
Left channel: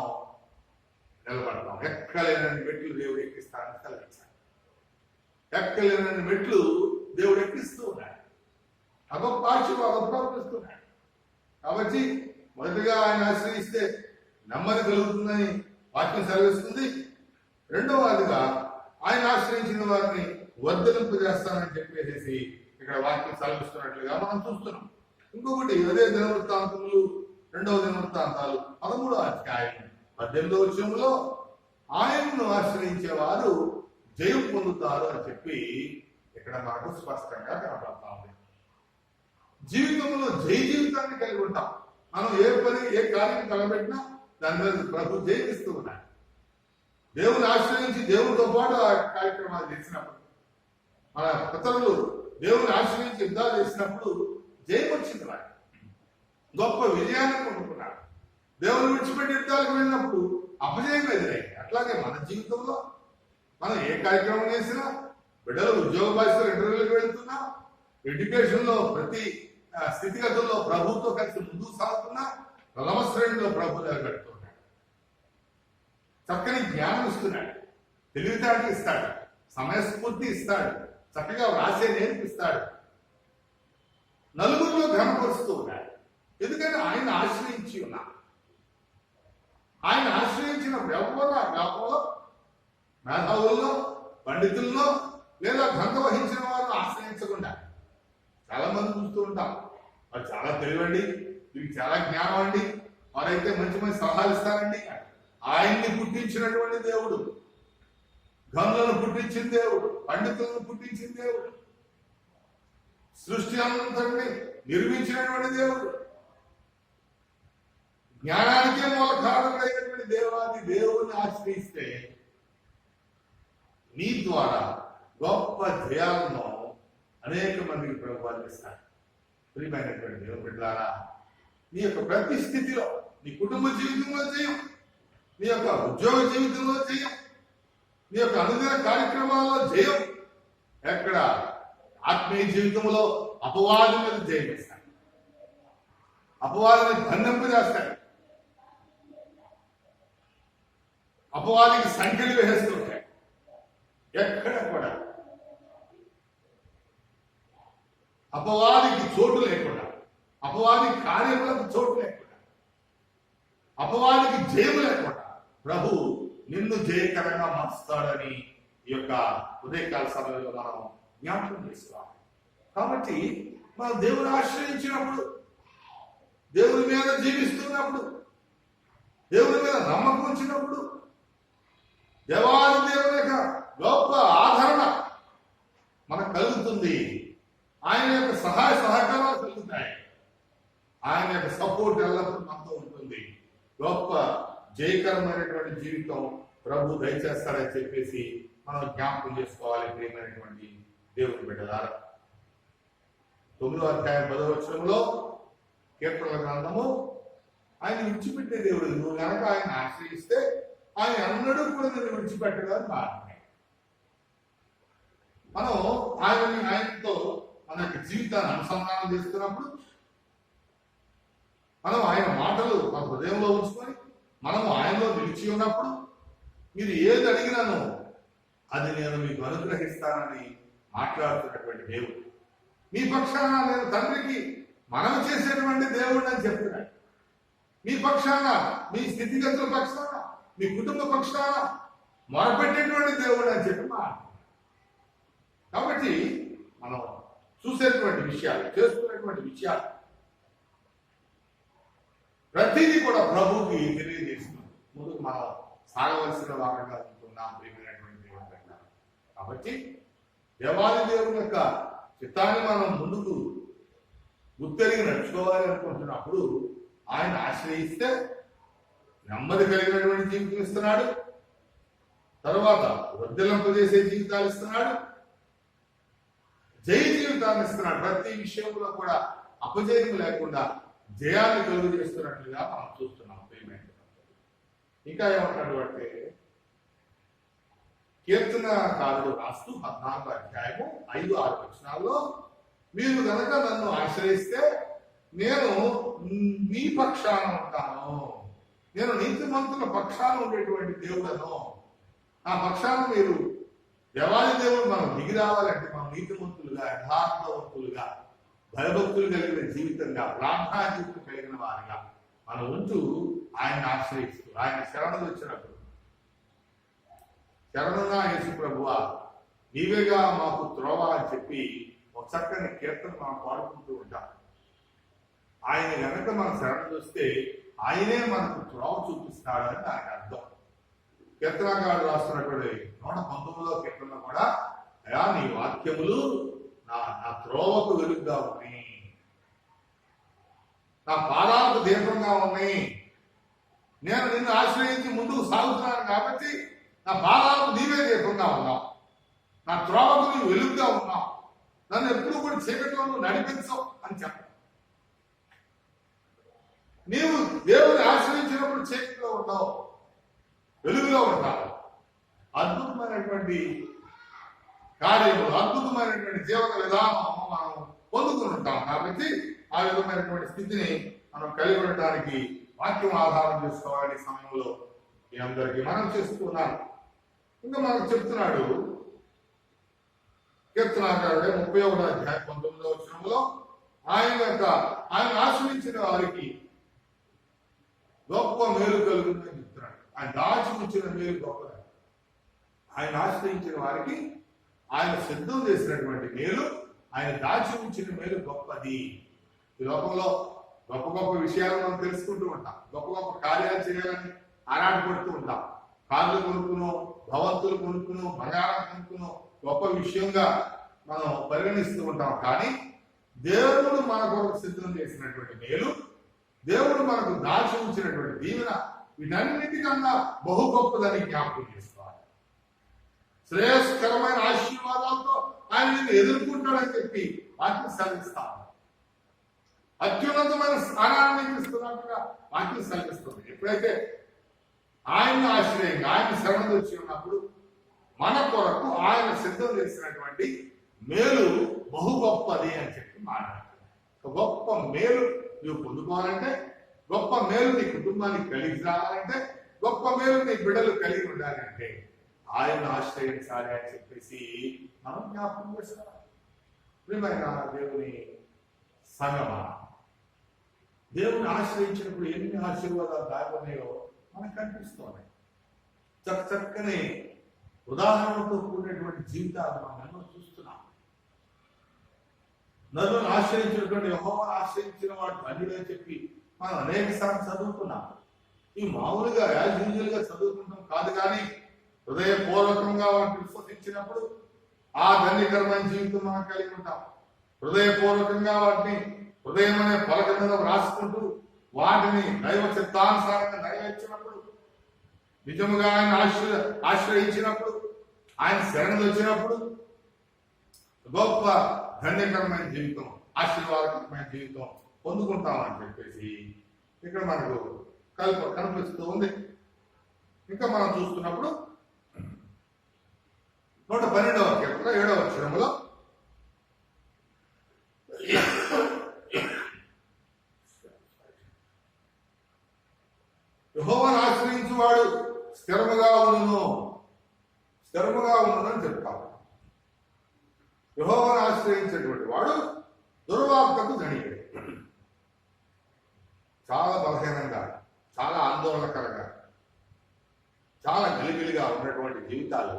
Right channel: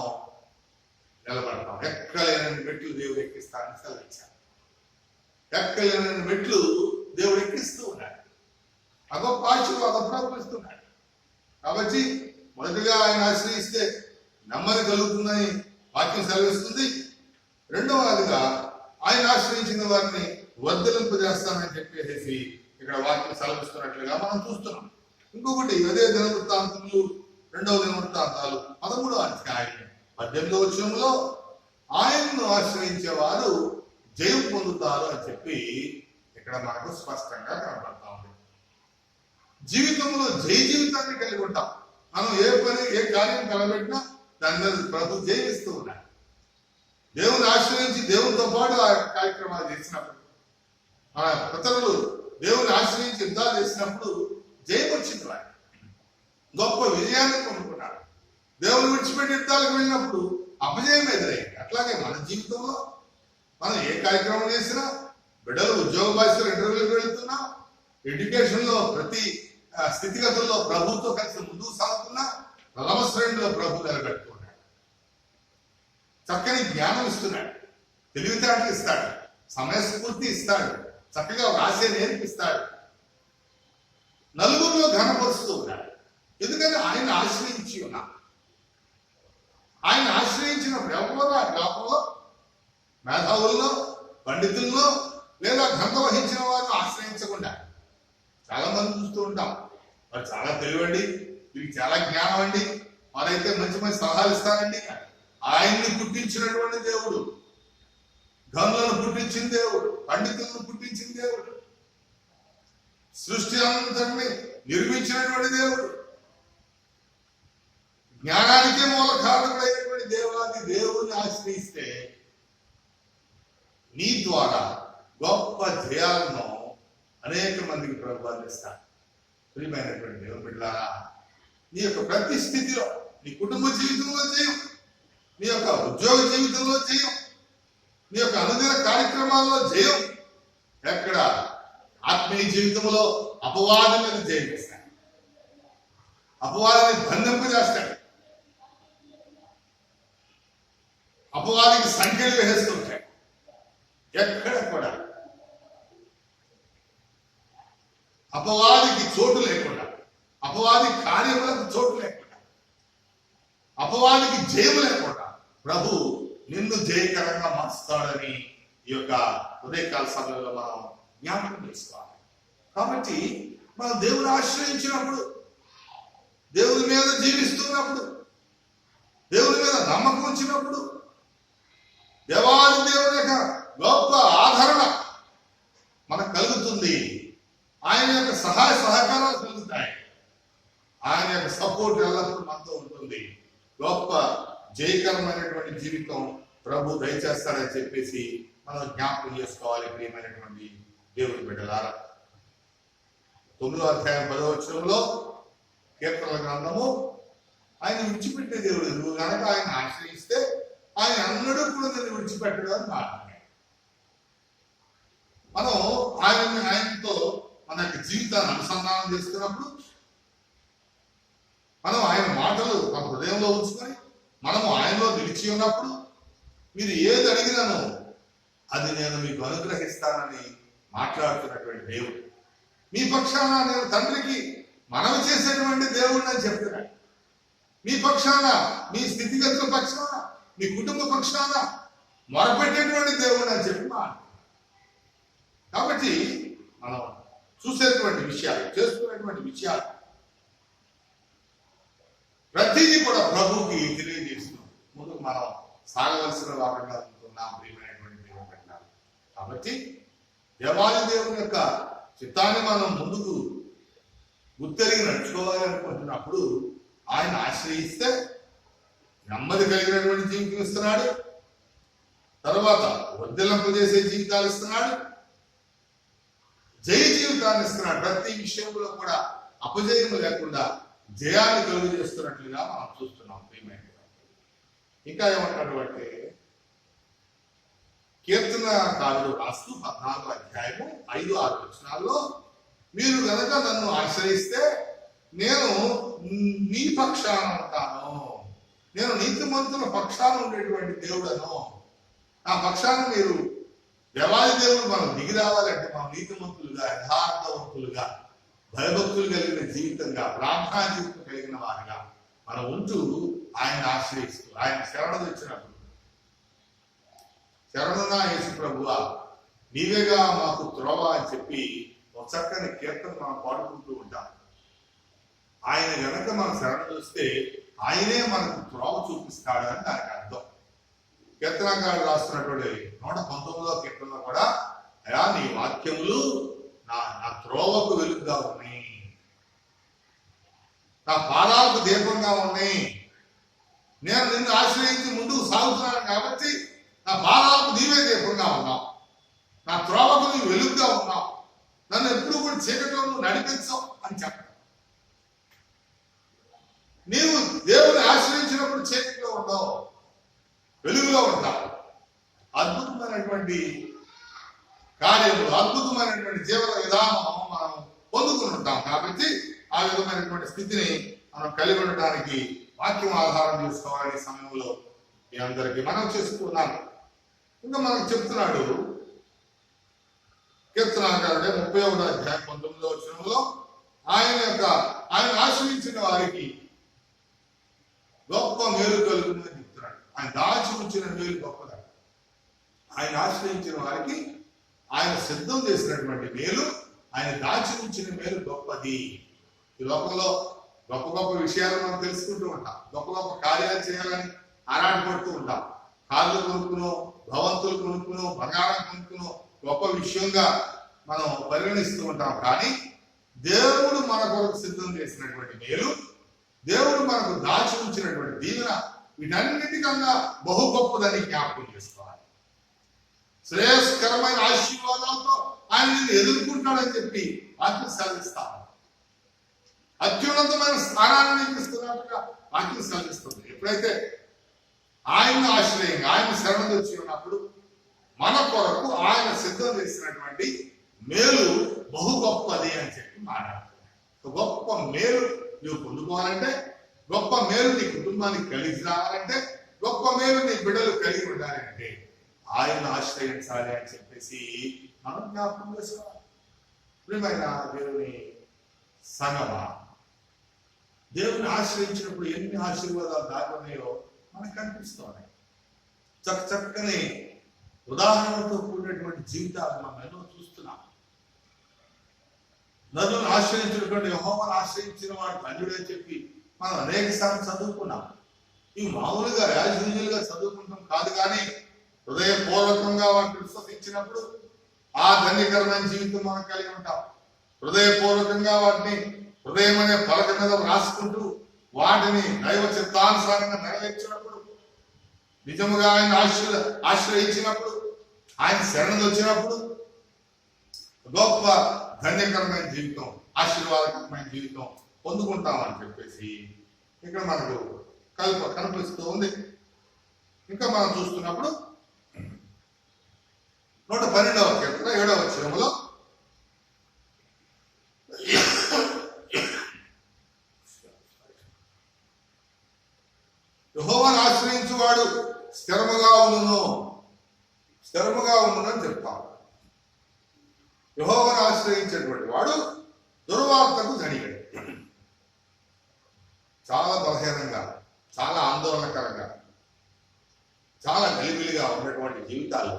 నిలబడతాం. ఎక్కలేనని మెట్లు దేవుడు ఎక్కిస్తానని సెలవిచ్చాడు. ఎక్కలేనని మెట్లు దేవుడు ఎక్కిస్తూ ఉన్నాడు. ఆ గొప్ప ఆశీర్వాదం ప్రాప్తిస్తున్నాడు. కాబట్టి మొదటిగా ఆయన ఆశ్రయిస్తే నెమ్మది కలుగుతుందని వాక్యం సెలవిస్తుంది. రెండవదిగా ఆయన ఆశ్రయించిన వారిని వర్ధిల్లింపజేస్తానని చెప్పేసి ఇక్కడ వాక్యం సెలవిస్తున్నట్లుగా మనం చూస్తున్నాం. ఇంకొకటి అదే దినవృత్తాంతములు 2వ దినవృత్తాంతాలు 13వ అధ్యాయం 18వ వచనంలో ఆయనను ఆశ్రయించే వారు జయం పొందుతారు అని చెప్పి ఇక్కడ మనకు స్పష్టంగా కనపడతా ఉంది. జీవితంలో జయ జీవితాన్ని కలిగి ఉంటాం. మనం ఏ కార్యం తలబెట్టినా దాని మీద ప్రభు జయిస్తూ ఉన్నాడు. దేవుని ఆశ్రయించి దేవునితో పాటు ఆ కార్యక్రమాలు చేసినప్పుడు, మన పితరులు దేవుని ఆశ్రయించి యుద్ధాలు చేసినప్పుడు జయం వచ్చింది. వాడు గొప్ప విజయాన్ని పొందుకున్నాడు. దేవుని విడిచిపెట్టి యుద్ధాలకు వెళ్ళినప్పుడు అపజయం ఎదురైంది. అట్లాగే మన జీవితంలో మనం ఏ కార్యక్రమం చేసినా, బిడ్డలు ఉద్యోగ బాధ్యతలు ఇంటర్వ్యూలకు వెళ్తున్నా, ఎడ్యుకేషన్లో ప్రతి స్థితిగతుల్లో ప్రభుత్వం కలిసి ముందుకు సాగుతున్నా, ప్రథమ శ్రేణిలో ప్రభు నిలబెడుతున్నాడు. చక్కని జ్ఞానం ఇస్తున్నాడు, తెలివితేటలు ఇస్తాడు, సమయస్ఫూర్తి ఇస్తాడు, చక్కగా వ్రాసే నేర్పిస్తాడు, నలుగురిలో ఘనపరుస్తూ ఉన్నాడు. ఎందుకని ఆయన ఆశ్రయించి ఉన్నా. ఆయన ఆశ్రయించినప్పుడు ఎవరు ఆ గ్రామంలో మేధావుల్లో, పండితుల్లో లేదా ఘనత వహించిన వారిని ఆశ్రయించకుండా, చాలా మంది చూస్తూ ఉంటాం, వారు చాలా తెలివండి, వీరికి చాలా జ్ఞానం అండి, వారైతే మంచి మంచి సలహాలు ఇస్తారండి. ఆయన్ని పుట్టించినటువంటి దేవుడు, గనులను పుట్టించిన దేవుడు, పండితులను పుట్టించిన దేవుడు, సృష్టి అంతటిని నిర్మించినటువంటి దేవుడు, జ్ఞానానికే మూల కారణమైనటువంటి దేవాది దేవుని ఆశ్రయిస్తే నీ ద్వారా గొప్ప జయాలను అనేక మందికి ప్రభు అందిస్తాడు. ప్రియమైనటువంటి దేవుని బిడ్డలారా, నీ యొక్క ప్రతి స్థితిలో, నీ కుటుంబ జీవితంలో జయం, నీ యొక్క ఉద్యోగ జీవితంలో జయం, నీ యొక్క అనుదిన కార్యక్రమాల్లో జయం, ఎక్కడ ఆత్మీయ జీవితంలో అపవాది మీద జయం వేస్తాడు, అపవాదిని బంధింపజేస్తాడు, అపవాదికి సంఖ్యలు వేస్తుంటాడు. ఎక్కడ కూడా అపవాదికి చోటు లేకుండా, అపవాది కార్యములకు చోటు లేకుండా, అపవాదికి జయం లేకుండా ప్రభు నిన్ను జయకరంగా మార్చుతాడని ఈ యొక్క ఉదయకాల సమయంలో మనం జ్ఞాపకం చేసుకోవాలి. కాబట్టి మనం దేవుని ఆశ్రయించినప్పుడు, దేవుని మీద జీవిస్తున్నప్పుడు, దేవుని మీద నమ్మకం ఉంచినప్పుడు దేవాది దేవుని యొక్క గొప్ప ఆదరణ మనకు కలుగుతుంది. ఆయన యొక్క సహాయ సహకారాలు కలుగుతాయి. ఆయన యొక్క సపోర్ట్ ఎల్లప్పుడూ మనతో ఉంటుంది. గొప్ప జయకరమైనటువంటి జీవితం ప్రభు దయచేస్తాడని చెప్పేసి మనం జ్ఞాపకం చేసుకోవాలి. ప్రియమైనటువంటి దేవుని బిడ్డలారా, 9వ అధ్యాయం 10వ వచనంలో కీర్తనల గ్రంథము, ఆయన విడిచిపెట్టే దేవుడు, నువ్వు కనుక ఆయన ఆశ్రయిస్తే ఆయన అన్నడూ కూడా నిన్ను విడిచిపెట్టడం అని మాట్లాడాడు. మనం ఆయనతో మన యొక్క జీవితాన్ని అనుసంధానం చేసుకున్నప్పుడు, మనం ఆయన మాటలు మన హృదయంలో ఉంచుకొని మనము ఆయనలో నిలిచి ఉన్నప్పుడు, మీరు ఏది అడిగినానో అది నేను మీకు అనుగ్రహిస్తానని మాట్లాడుతున్నటువంటి దేవుడు, మీ పక్షాన నేను తండ్రికి మనవి చేసేటువంటి దేవుడు అని చెప్తున్నాడు. మీ పక్షాన, మీ స్థితిగతుల పక్షాన, మీ కుటుంబ పక్షాన మొరపెట్టేటువంటి దేవుడు అని చెప్పి మాట. కాబట్టి మనం చూసేటువంటి విషయాలు, చేసుకునేటువంటి విషయాలు ప్రతిదీ కూడా ప్రభువుకి తెలియజేస్తున్నాం. ముందుకు మనం సాగవలసిన వారంగా ఉంటున్నాం. ప్రియమైనటువంటి దేవుని పెట్టాలి. కాబట్టి దేవాది దేవుని యొక్క చిత్తాన్ని మనం ముందుకు గుర్తెరిగి నడుచుకోవాలి అనుకుంటున్నప్పుడు ఆయన ఆశ్రయిస్తే నెమ్మది కలిగినటువంటి జీవితం ఇస్తున్నాడు. తర్వాత వర్ధిల్లింపజేసే జీవితాలు ఇస్తున్నాడు. జయ జీవితాన్ని ఇస్తున్నాడు. ప్రతి విషయంలో కూడా అపజయం లేకుండా జయాన్ని కలుగు చేస్తున్నట్లుగా మనం చూస్తున్నాం. ప్రియమైన ఇంకా ఏమంటాడు అంటే, కీర్తనకారుడు రాస్తూ 14వ అధ్యాయము 5-6 వచనాల్లో, మీరు గనక నన్ను ఆశ్రయిస్తే నేను నీ పక్షాన ఉంటాను, నేను నీతిమంతుల పక్షాన ఉండేటువంటి దేవుడను, నా పక్షాన మీరు దేవాది దేవుడు మనం దిగి రావాలంటే మనం నీతిమంతులుగా, యథార్థవంతులుగా, భయభక్తులు కలిగిన జీవితంగా, ప్రార్థనా జీవితం కలిగిన వారిగా మనం ఉంటూ ఆయన ఆశ్రయిస్తూ ఆయన శరణు వచ్చినప్పుడు, శరణున్నా యేసు ప్రభువా నీవేగా మాకు త్రోవ అని చెప్పి ఒక చక్కని కీర్తన మనం పాడుకుంటూ ఉంటాం. ఆయన గనక మనం శరణు చూస్తే ఆయనే మనకు త్రోవ చూపిస్తాడు అని దానికి అర్థం. కీర్తనకారుడు రాస్తున్నటువంటి 119వ కీర్తనలో కూడా, అయా నీ వాక్యములు నా త్రోవకు వెలుగుగా ఉన్నాయి, నా పాదాలకు దీపంగా ఉన్నాయి, నేను నిన్ను ఆశ్రయించి ముందుకు సాగుతున్నాను కాబట్టి నా పాదాలకు నీవే దీపంగా ఉన్నావు, నా త్రోవకు నువ్వు వెలుగుగా ఉన్నావు, నన్ను ఎప్పుడు కూడా చీకట్లో నువ్వు నడిపించవు అని చెప్పాను. నీవు దేవుని ఆశ్రయించినప్పుడు చీకట్లో ఉండవు, వెలుగులో ఉంటావు. అద్భుతమైనటువంటి కార్యము, అద్భుతమైనటువంటి జీవన విధానం మనం పొందుకుని ఉంటాం. కాబట్టి ఆ విధమైనటువంటి స్థితిని మనం కలిగి ఉండటానికి వాక్యం ఆధారం చేసుకోవాలనే సమయంలో మీ అందరికీ మనం చేస్తున్నాను. ఇంకా మనకు చెప్తున్నాడు కీర్తనాకారుడే 31వ అధ్యాయం 19వ వచనంలో ఆయన ఆశ్రయించిన వారికి గొప్ప మేలు కలుగుతుందని చెప్తున్నాడు. ఆయన దాచి ఉంచిన మేలు గొప్పది. ఆయన ఆశ్రయించిన వారికి ఆయన సిద్ధం చేసినటువంటి మేలు, ఆయన దాచి ఉంచిన మేలు గొప్పది. ఈ లోకంలో గొప్ప గొప్ప విషయాలు మనం తెలుసుకుంటూ ఉంటాం, గొప్ప గొప్ప కార్యాలు చేయాలని ఆరాటపడుతూ ఉంటాం. కార్లు కొనుక్కును, భవంతులు కొనుక్కును, బంగారం కొనుక్కును గొప్ప విషయంగా మనం పరిగణిస్తూ ఉంటాం. కానీ దేవుడు మన కొరకు సిద్ధం చేసినటువంటి మేలు, దేవుడు మనకు దాచి ఉంచినటువంటి దీవెన, వీటన్నిటికన్నా బహు గొప్పదని జ్ఞాపకం చేసుకోవాలి. శ్రేయస్కరమైన ఆశీర్వాదాలతో ఆయన నిన్ను ఎదుర్కొంటాడని చెప్పి వాక్యం సెలవిస్తాను. అత్యున్నతమైన స్థానాన్ని నీకు ఇస్తున్నట్టుగా వాక్యం సెలవిస్తుంది. ఎప్పుడైతే ఆయన ఆశ్రయంగా ఆయన శరణు వచ్చి ఉన్నప్పుడు మన కొరకు ఆయన సిద్ధం చేసినటువంటి మేలు బహు గొప్పది అని చెప్పి మాట్లాడుతున్నాడు. గొప్ప మేలు నువ్వు పొందుకోవాలంటే, గొప్ప మేలు నీ కుటుంబానికి కలిగి రావాలంటే, గొప్ప మేలు నీ బిడ్డలు కలిగి ఉండాలి అంటే ఆయన ఆశ్రయించాలి అని చెప్పేసి మనం జ్ఞాపకం చేసుకోవాలి. ప్రియమైన దేవుని సంగమా, దేవుని ఆశ్రయించినప్పుడు ఎన్ని ఆశీర్వాదాలు దాగి ఉన్నాయో మనకు కనిపిస్తున్నాయి. చక్కని ఉదాహరణతో కూడినటువంటి జీవితాలు మనం ఎన్నో చూస్తున్నాం. నన్ను ఆశ్రయించినటువంటి యెహోవాను ఆశ్రయించిన వాడు ధన్యుడు అని చెప్పి మనం అనేక సార్లు చదువుకున్నాం. ఇవి మామూలుగా యాజుగా చదువుకుంటాం కాదు, కానీ హృదయపూర్వకంగా వాటిని విశ్వసించినప్పుడు ఆ ధన్యకరమైన జీవితం మనం కలిగి ఉంటాం. హృదయపూర్వకంగా వాటిని హృదయం అనే పలక మీద రాసుకుంటూ వాటిని దైవ చిత్తానుసారంగా నెరవేర్చినప్పుడు, నిజముగా ఆయన ఆశ్రయించినప్పుడు, ఆయన శరణు వచ్చినప్పుడు గొప్ప ధన్యకరమైన జీవితం, ఆశీర్వాదకరమైన జీవితం పొందుకుంటామని చెప్పేసి ఇక్కడ మనకు కనిపిస్తూ ఉంది. ఇంకా మనం చూస్తున్నప్పుడు 112వ కీర్తన 7వ వచనములో యెహోవాను ఆశ్రయించువాడు స్థిరముగా ఉండును అని చెప్తాను. యెహోవాను ఆశ్రయించేటువంటి వాడు దుర్వార్తకు ధనియుడు. చాలా బలహీనంగా, చాలా ఆందోళనకరంగా, చాలా గలిబిలిగా ఉన్నటువంటి జీవితాలు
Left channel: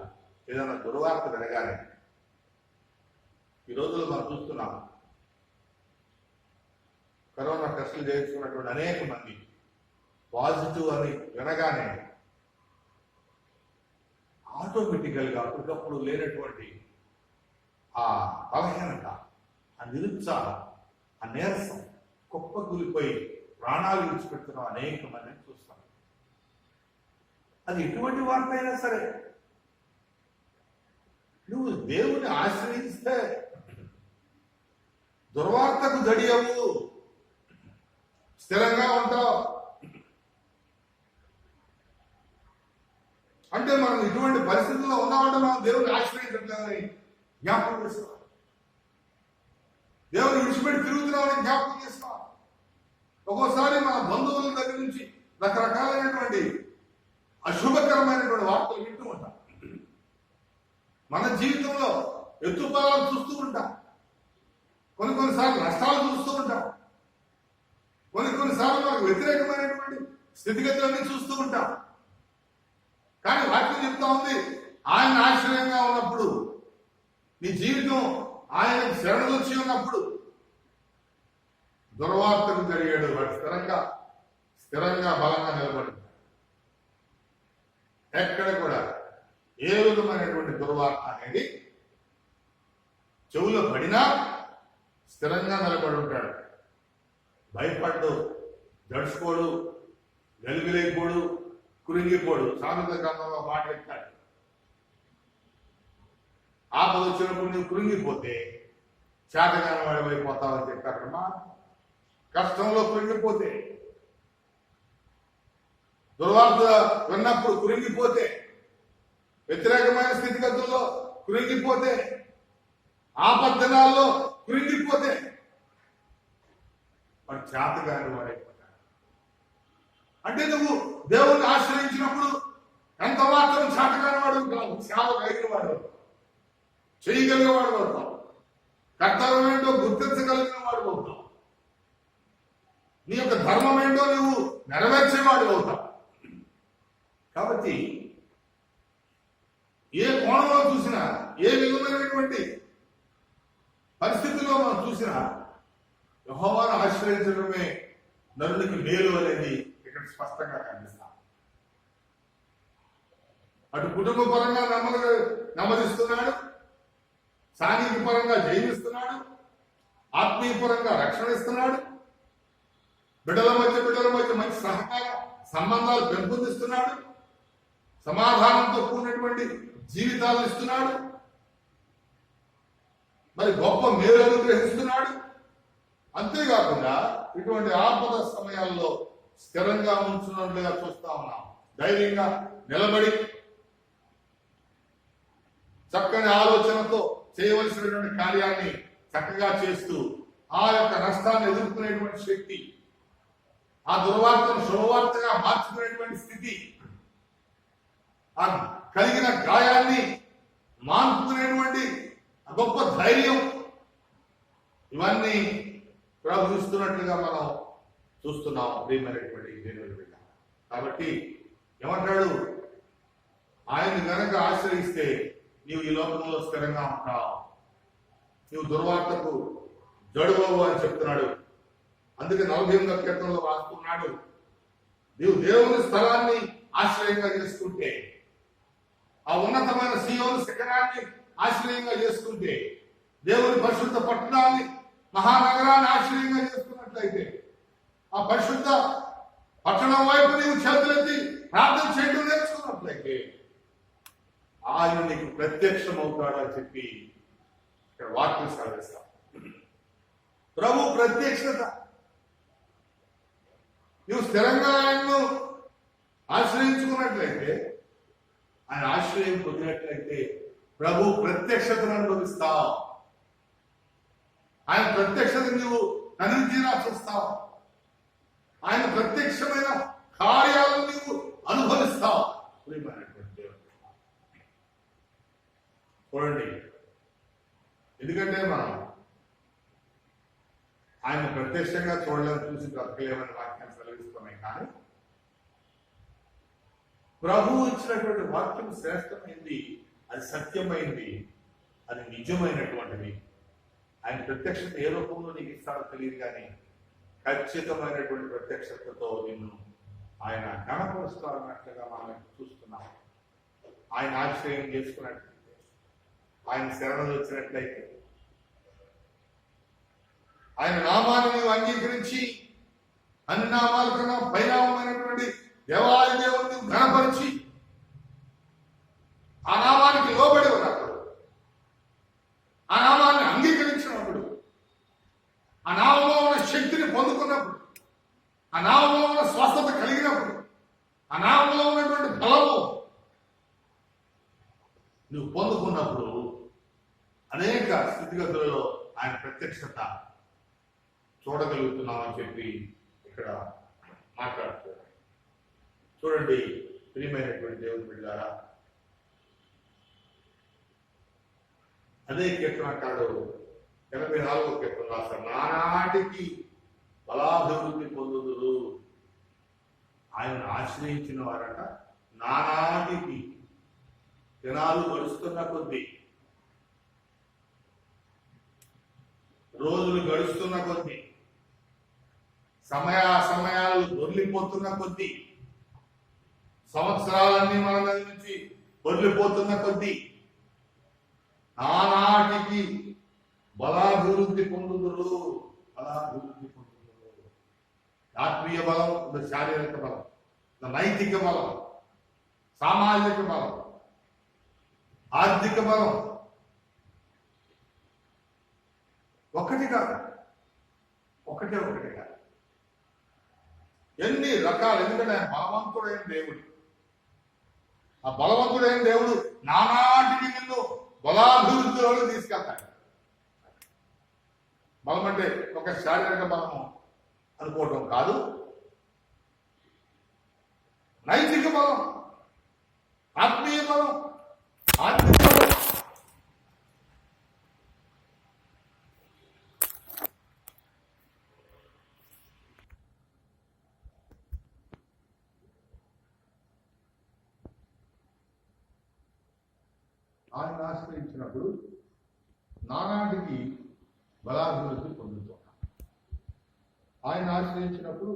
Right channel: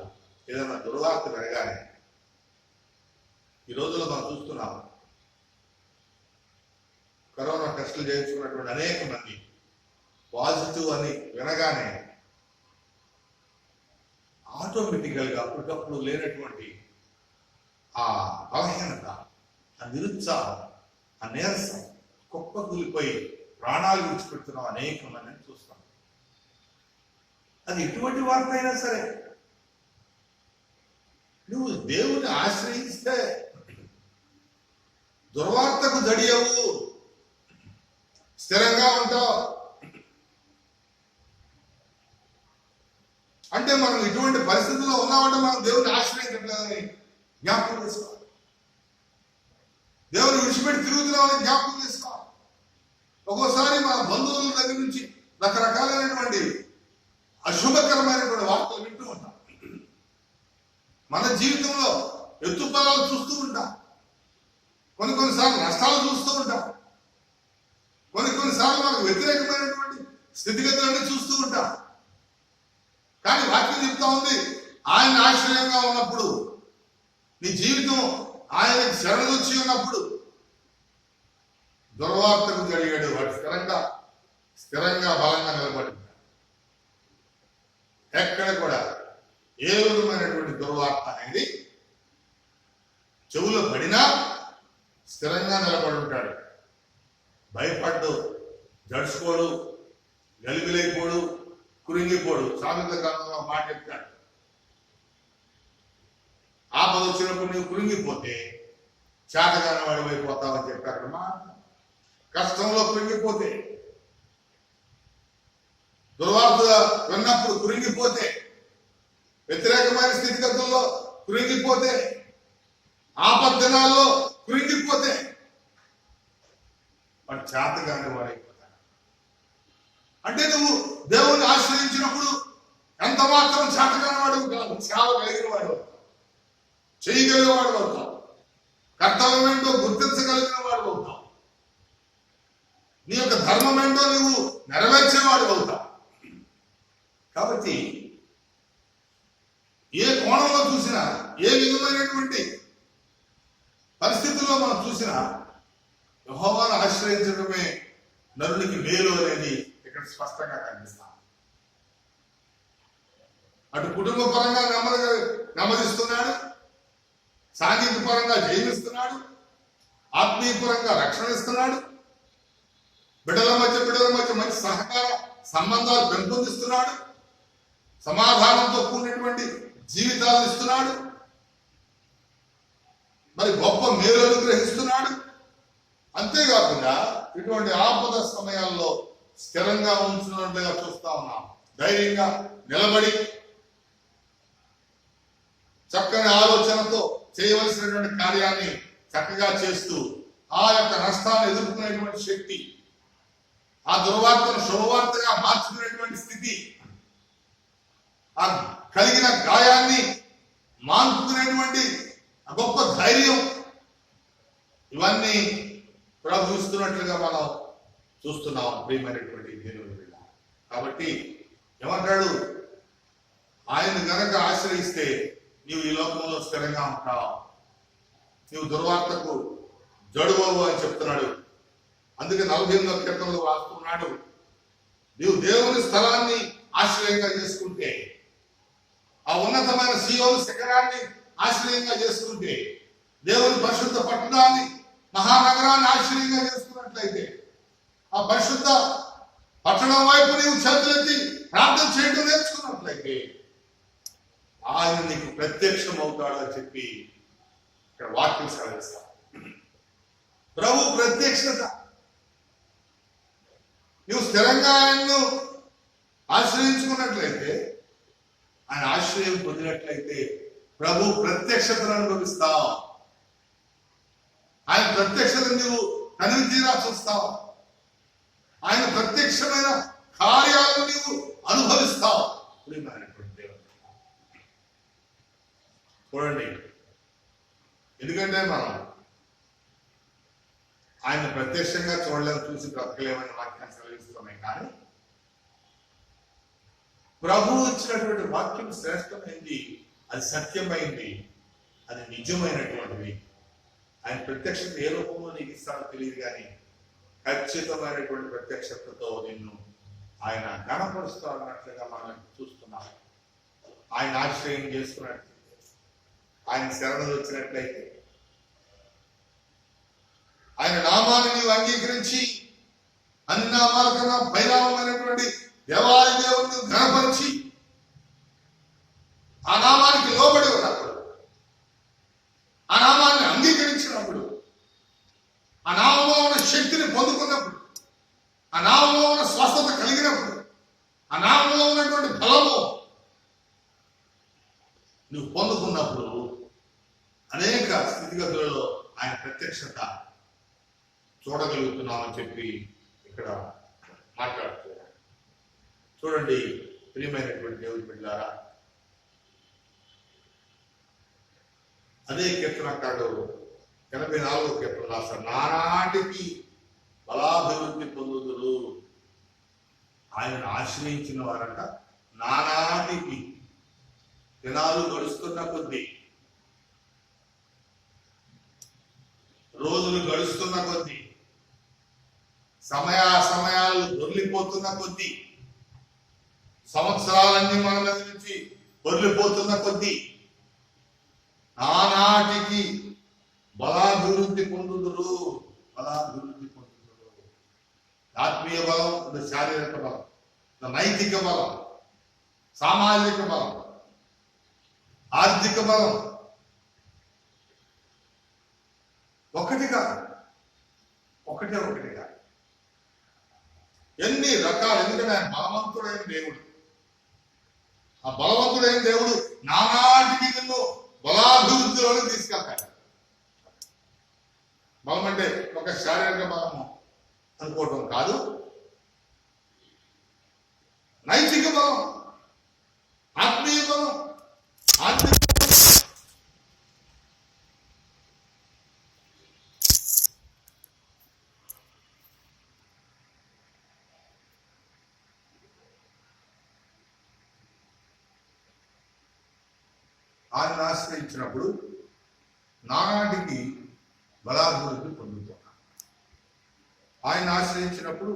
ఏదైనా దుర్వార్త వినగానే, ఈ రోజుల్లో మనం చూస్తున్నాం, కరోనా టెస్టులు చేయించుకున్నటువంటి అనేక మంది పాజిటివ్ అని వినగానే ఆటోమేటికల్గా అప్పటికప్పుడు లేనటువంటి ఆ బలహీనత, ఆ నిరుత్సాహం, ఆ నీరసం కుప్పకూలిపోయి ప్రాణాలు విడిచిపెడుతున్నాం అనేక మందిని చూస్తాం. అది ఎటువంటి వార్త అయినా సరే, నువ్వు దేవుని ఆశ్రయిస్తే దుర్వార్తకు జడియవు, స్థిరంగా ఉంటావు. అంటే మనం ఇటువంటి పరిస్థితుల్లో ఉన్నామంటే మనం దేవుని ఆశ్రయించట్లేదని జ్ఞాపకం చేసుకోవాలి. దేవుని విడిచిపెట్టి తిరుగుతున్నామని జ్ఞాపకం చేసుకోవాలి. ఒక్కోసారి మన బంధువుల దగ్గర నుంచి రకరకాలైనటువంటి అశుభకరమైనటువంటి వార్తలు వింటూ ఉంటాం. మన జీవితంలో ఎత్తుపల్లాలు చూస్తూ ఉంటాం, కొన్నిసార్లు నష్టాలు చూస్తూ ఉంటాం, కొన్నిసార్లు మనకు వ్యతిరేకమైనటువంటి స్థితిగతులన్నీ చూస్తూ ఉంటాం. కానీ వాక్యం చెప్తా ఉంది, ఆయన ఆశ్రయంగా ఉన్నప్పుడు, నీ జీవితం ఆయనకు శరణొచ్చి ఉన్నప్పుడు దుర్వార్తకు జరిగాడు వాడు స్థిరంగా బలంగా నిలబడి ఎక్కడ కూడా ఏ విధమైనటువంటి దుర్వార్త అనేది చెవులో పడినా స్థిరంగా నిలబడి ఉంటాడు. భయపడ్డు, జడుచుకోడు, గలిబిలైపోడు, కురింగిపోడు. సామెతల గ్రంథంలో మాట చెప్తాడు, ఆపద వచ్చినప్పుడు నువ్వు కురింగిపోతే చేతగాని వాడి అయిపోతావని చెప్పారు. మా కష్టంలో కురింగిపోతే, దుర్వార్త విన్నప్పుడు కురింగిపోతే, వ్యతిరేకమైన స్థితిగతుల్లో కురింగిపోతే, ఆపద్దినాల్లో కురింగిపోతే వాడు చేతగాని వాడైపోతాడు. అంటే నువ్వు దేవుణ్ణి ఆశ్రయించినప్పుడు ఎంత మాత్రం చేతగాని వాడు కాదు, సేవ కలిగిన వాడు అవుతావు, చేయగలిగిన వాడు అవుతావు, కర్తవ్యం ఏంటో గుర్తించగలిగిన వాడు అవుతావు, నీ యొక్క ధర్మం ఏంటో నువ్వు నెరవేర్చేవాడు అవుతావు. కాబట్టి ఏ కోణంలో చూసినా, ఏ విధమైనటువంటి పరిస్థితుల్లో మనం చూసినా యెహోవాను ఆశ్రయించడమే నరునికి మేలు అనేది ఇక్కడ స్పష్టంగా కనిపిస్తాం. అటు కుటుంబ పరంగా నెమ్మదిస్తున్నాడు, సాంఘిక పరంగా జయమిస్తున్నాడు, ఆత్మీయ పరంగా రక్షణ ఇస్తున్నాడు, బిడ్డల మధ్య మంచి సహకార సంబంధాలు పెంపొందిస్తున్నాడు, సమాధానంతో కూడినటువంటి జీవితాలను ఇస్తున్నాడు, మరి గొప్ప మేలు అనుగ్రహిస్తున్నాడు. అంతేకాకుండా ఇటువంటి ఆపద సమయాల్లో స్థిరంగా ఉంచున్నట్లుగా చూస్తా ఉన్నాం. ధైర్యంగా నిలబడి చక్కని ఆలోచనతో చేయవలసినటువంటి కార్యాన్ని చక్కగా చేస్తూ ఆ యొక్క నష్టాన్ని ఎదుర్కొనేటువంటి శక్తి, ఆ దుర్వార్తను శుభవార్తగా మార్చుకునేటువంటి స్థితి, ఆ కలిగిన గాయాన్ని మాన్పుకునేటువంటి గొప్ప ధైర్యం, ఇవన్నీ ప్రవహిస్తున్నట్లుగా మనం చూస్తున్నాం ప్రియమైనటువంటి దేవుని బిడ్డ. కాబట్టి ఏమంటాడు, ఆయన గనక ఆశ్రయిస్తే నీవు ఈ లోకంలో స్థిరంగా ఉంటావు, నీవు దుర్వార్తకు జడుకోవు అని చెప్తున్నాడు. అందుకే 48వ కీర్తనలో రాస్తున్నాడు, నీవు దేవుని స్థలాన్ని ఆశ్రయంగా చేసుకుంటే, ఆ ఉన్నతమైన సీయోను శిఖరాన్ని ఆశ్రయంగా చేసుకుంటే, దేవుని పరిశుద్ధ పట్టణాన్ని, మహానగరాన్ని ఆశ్రయంగా చేసుకున్నట్లయితే, ఆ పరిశుద్ధ పట్టణం వైపు నీవు చేతులెత్తి ప్రార్థన చేయడం నేర్చుకున్నట్లయితే ఆయన నీకు ప్రత్యక్షం అవుతాడు అని చెప్పి ఇక్కడ వాక్యం సెలవిస్తాం. ప్రభు ప్రత్యక్షత, నువ్వు స్థిరంగా ఆయన్ను ఆశ్రయించుకున్నట్లయితే, ఆయన ఆశ్రయం పొందినట్లయితే ప్రభు ప్రత్యక్షతను అనుభవిస్తావు. ఆయన ప్రత్యక్షత నువ్వు కనివి తీరా చూస్తావు, ఆయన ప్రత్యక్షమైన కార్యాలను నీవు అనుభవిస్తావు. ప్రియమైనటువంటి దేవుడు చూడండి, ఎందుకంటే మనం ఆయన ప్రత్యక్షంగా చూడలేము, చూసి బ్రతకలేమని వాక్యాన్ని సెలవిస్తున్నాయి. కానీ ప్రభు ఇచ్చినటువంటి వాక్యం శ్రేష్టమైంది, అది సత్యమైంది, అది నిజమైనటువంటిది. ఆయన ప్రత్యక్షత ఏ రూపంలో నీకు ఇస్తాడో తెలియదు, కానీ ఖచ్చితమైనటువంటి ప్రత్యక్షతతో నిన్ను ఆయన గణపరుస్తాడన్నట్లుగా మనం చూస్తున్నాం. ఆయన ఆశ్రయం చేసుకున్నట్లయితే, ఆయన శరణు వచ్చినట్లయితే, ఆయన నామాన్ని నీవు అంగీకరించి అన్ని నామాల కన్నా పైనామైనటువంటి దేవాది దేవుని ఘనపరిచి ఆ నామానికి లోబడి ఉన్నప్పుడు, ఆ నామాన్ని అంగీకరించినప్పుడు, ఆ నామంలో ఉన్న శక్తిని పొందుకున్నప్పుడు, ఆ నామంలో ఉన్న స్వస్థత కలిగినప్పుడు, ఆ నామంలో ఉన్నటువంటి బలము నువ్వు పొందుకున్నప్పుడు అనేక స్థితిగతులలో ఆయన ప్రత్యక్షత చూడగలుగుతున్నామని చెప్పి ఇక్కడ మాట్లాడుతున్నారు. చూడండి ప్రియమైనటువంటి దేవుని బిడ్డలారా, అదే కీర్తనకాడు 84వ కీర్తన రాస్తాడు, నానాటికి బలాభివృద్ధి పొందుదురు. ఆయనను ఆశ్రయించిన వారంట నానాటికి, దినాలు గడుస్తున్న కొద్దీ, రోజులు గడుస్తున్న కొద్దీ, సమయాలు దొర్లిపోతున్న కొద్దీ, సంవత్సరాలన్నీ మన మీద నుంచి దొర్లిపోతున్న కొద్దీ నానాటికి బలాభివృద్ధి పొందుదురు. బలాభివృద్ధి పొందుదురు. ఆత్మీయ బలం, శారీరక బలం. నైతిక బలం, సామాజిక బలం, ఆర్థిక బలం ఒకటిగా ఎన్ని రకాలు. ఎందుకంటే ఆయన బలవంతుడైన దేవుడు. ఆ బలవంతుడైన దేవుడు నానాటికి నిన్ను బలాభివృద్ధిలోకి తీసుకెళ్తాడు. బలం అంటే ఒక శారీరక బలము అనుకోవటం కాదు, నైతిక బలం, ఆత్మీయ బలం, ఆత్మీయ బలం. ఆయన ఆశ్రయించినప్పుడు నానాటికి బలాభివృద్ధి పొందుతున్నాం. ఆయన ఆశ్రయించినప్పుడు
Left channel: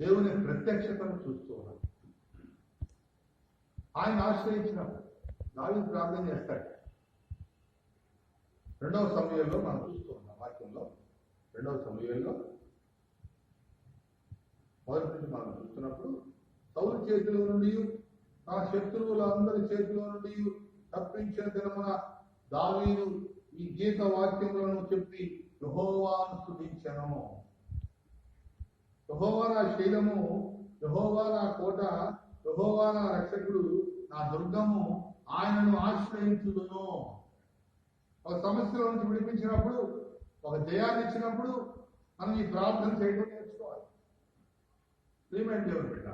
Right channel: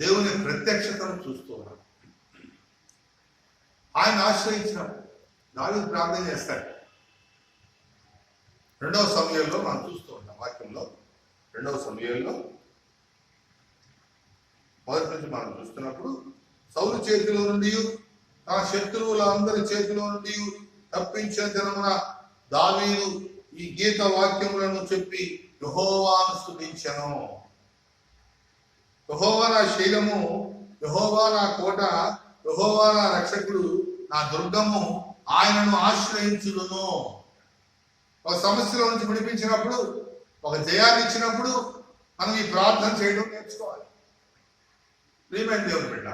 దేవుని ప్రత్యక్షతను చూస్తున్నాం. ఆయన ఆశ్రయించినప్పుడు దావీదు ప్రార్థన చేస్తాడు. 2వ సమూయేలులో మనం చూస్తూ ఉంటాం. వాక్యంలో 2వ సమూయేలులో మొదటి నుంచి మనం చూస్తున్నప్పుడు సౌలు చేతిలో నుండి తన శత్రువులందరి చేతిలో నుండి తప్పించిన దినమున దావీదు ఈ గీత వాక్యములను చెప్పి యెహోవాను స్తుతించెను. యెహోవా నా శైలము, యెహోవా నా కోట, యెహోవా నా రక్షకుడు, నా దుర్గము, ఆయనను ఆశ్రయించుదును. ఒక సమస్యలో నుంచి విడిపించినప్పుడు, ఒక జయాన్ని ఇచ్చినప్పుడు మనం ఈ ప్రార్థన చేయడం నేర్చుకోవాలి. ప్రియమైన దేవుని బిడ్డ,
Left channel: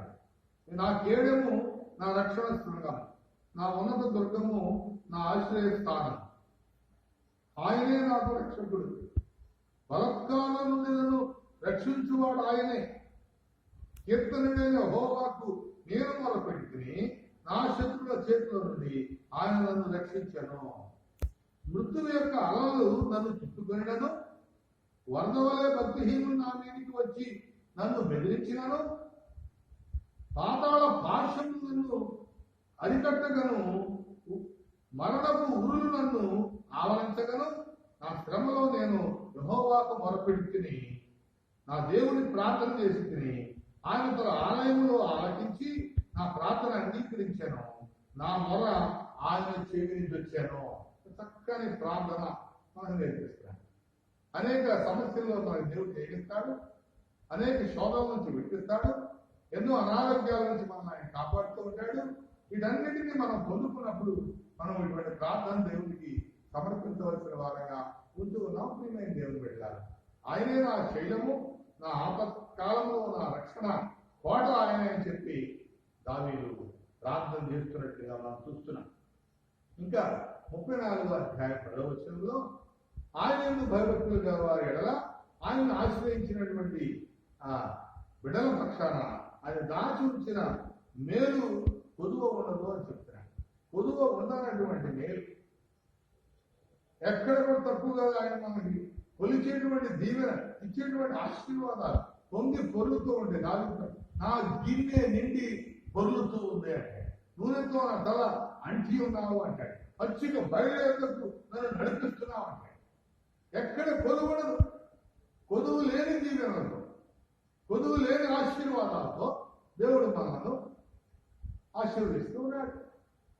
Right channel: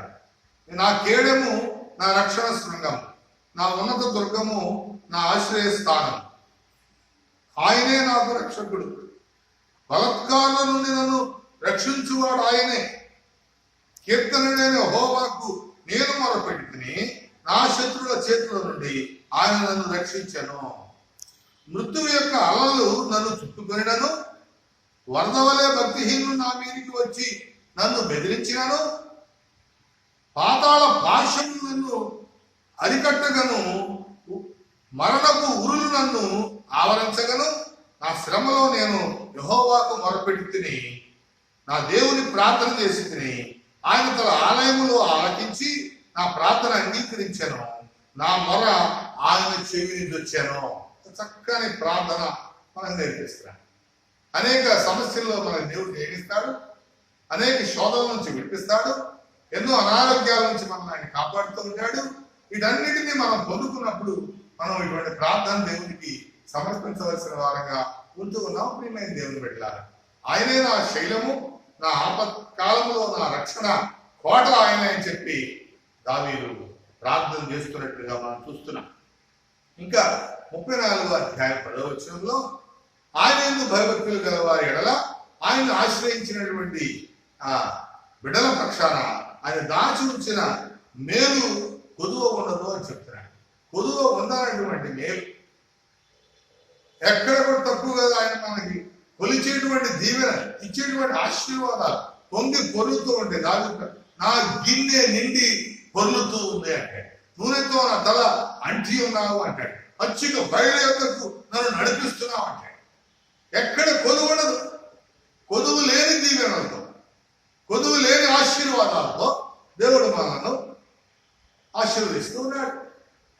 నా కేడము నా రక్షణ శృంగం, నా ఉన్నత దుర్గము, నా ఆశ్రయ స్థానం, ఆయనే నాకు రక్షకుడు, బలత్కారుల నుండి నన్ను రక్షించువాడు ఆయనే. కీర్తనుడైన యెహోవాకు నేను మొరపెట్టుకుని నా శత్రువుల చేతుల నుండి ఆయన నన్ను రక్షించెను. మృత్యువు యొక్క అలలు నన్ను చుట్టుకొనినను, వరద వలె భక్తిహీనులు నా మీదికి వచ్చి నన్ను బెదిరించినను, పాతాళ పాశము నన్ను అరికట్టగను, మరణపు ఉరులు నన్ను ఆవరించగను. నా శ్రమలో నేను యెహోవాకు మొరపెట్టుకుని నా దేవుని ప్రార్థన చేసి తిని ఆయన తన ఆలయములో ఆలకించి నా ప్రార్థన అంగీకరించాను. నా మొర ఆయన చెవిని దొచ్చాను. చక్కని ప్రార్థన మనకు నేర్పిస్తున్నాడు. అనేక సమస్యల్లో మన దేవుడు నేర్పిస్తాడు, అనేక శోధనల నుంచి విడిపిస్తాడు, ఎన్నో అనారోగ్యాల నుంచి మనం ఆయన కాపాడుతూ ఉంటాడు. వీటన్నిటినీ మనం పొందుకున్నప్పుడు మనం ఇటువంటి ప్రార్థన దేవునికి సమర్పించవలసిన వారంగా ఉంటూ ఉన్నాం. ప్రియమైన దేవుని బిడ్డలారా, ఆయనే నా శైలము, నా ఆపత్కాలంలో నా రక్షణ కోట ఆయన అని చెప్పి దావీదు ప్రార్థన చేస్తున్నట్లుగా మనం చూస్తున్నాం. ఇంకా 34వ అధ్యాయం 10వ వచనంలో ఆయన యందు భయభక్తులు గల వారి ఎడల ఆయన ఆశ్రయించినటువంటి ఆ బిడ్డల పక్షాన ఆయన దాచి ఉంచిన మేలు కొదువ ఉండదు అని చెప్తున్నాడు. కొదువ ఉండాలన్నటువంటి మేలు ఎక్కడ కూడా తక్కువ కదా. ఆయన మనకి కొలిచేటువంటి దీవెన, ఇచ్చేటువంటి ఆశీర్వాదాలు పొంగి పొరులుతూ ఉంటే దావీదు నా గిన్నె నిండి పొర్లుతూ ఉంది అంటే, నూనెతో నా తల అంటి ఉన్నావు అంటాడు, పచ్చిక బయలు యొక్కకు నన్ను నడిపిస్తున్నావు అంటాడు. ఎక్కడ కొదువు ఉండదు. కొదువు లేని దీవెనలతో, కొదువు లేని ఆశీర్వాదాలతో దేవుడు మనల్ని ఆశీర్వదిస్తూ ఉన్నాడు.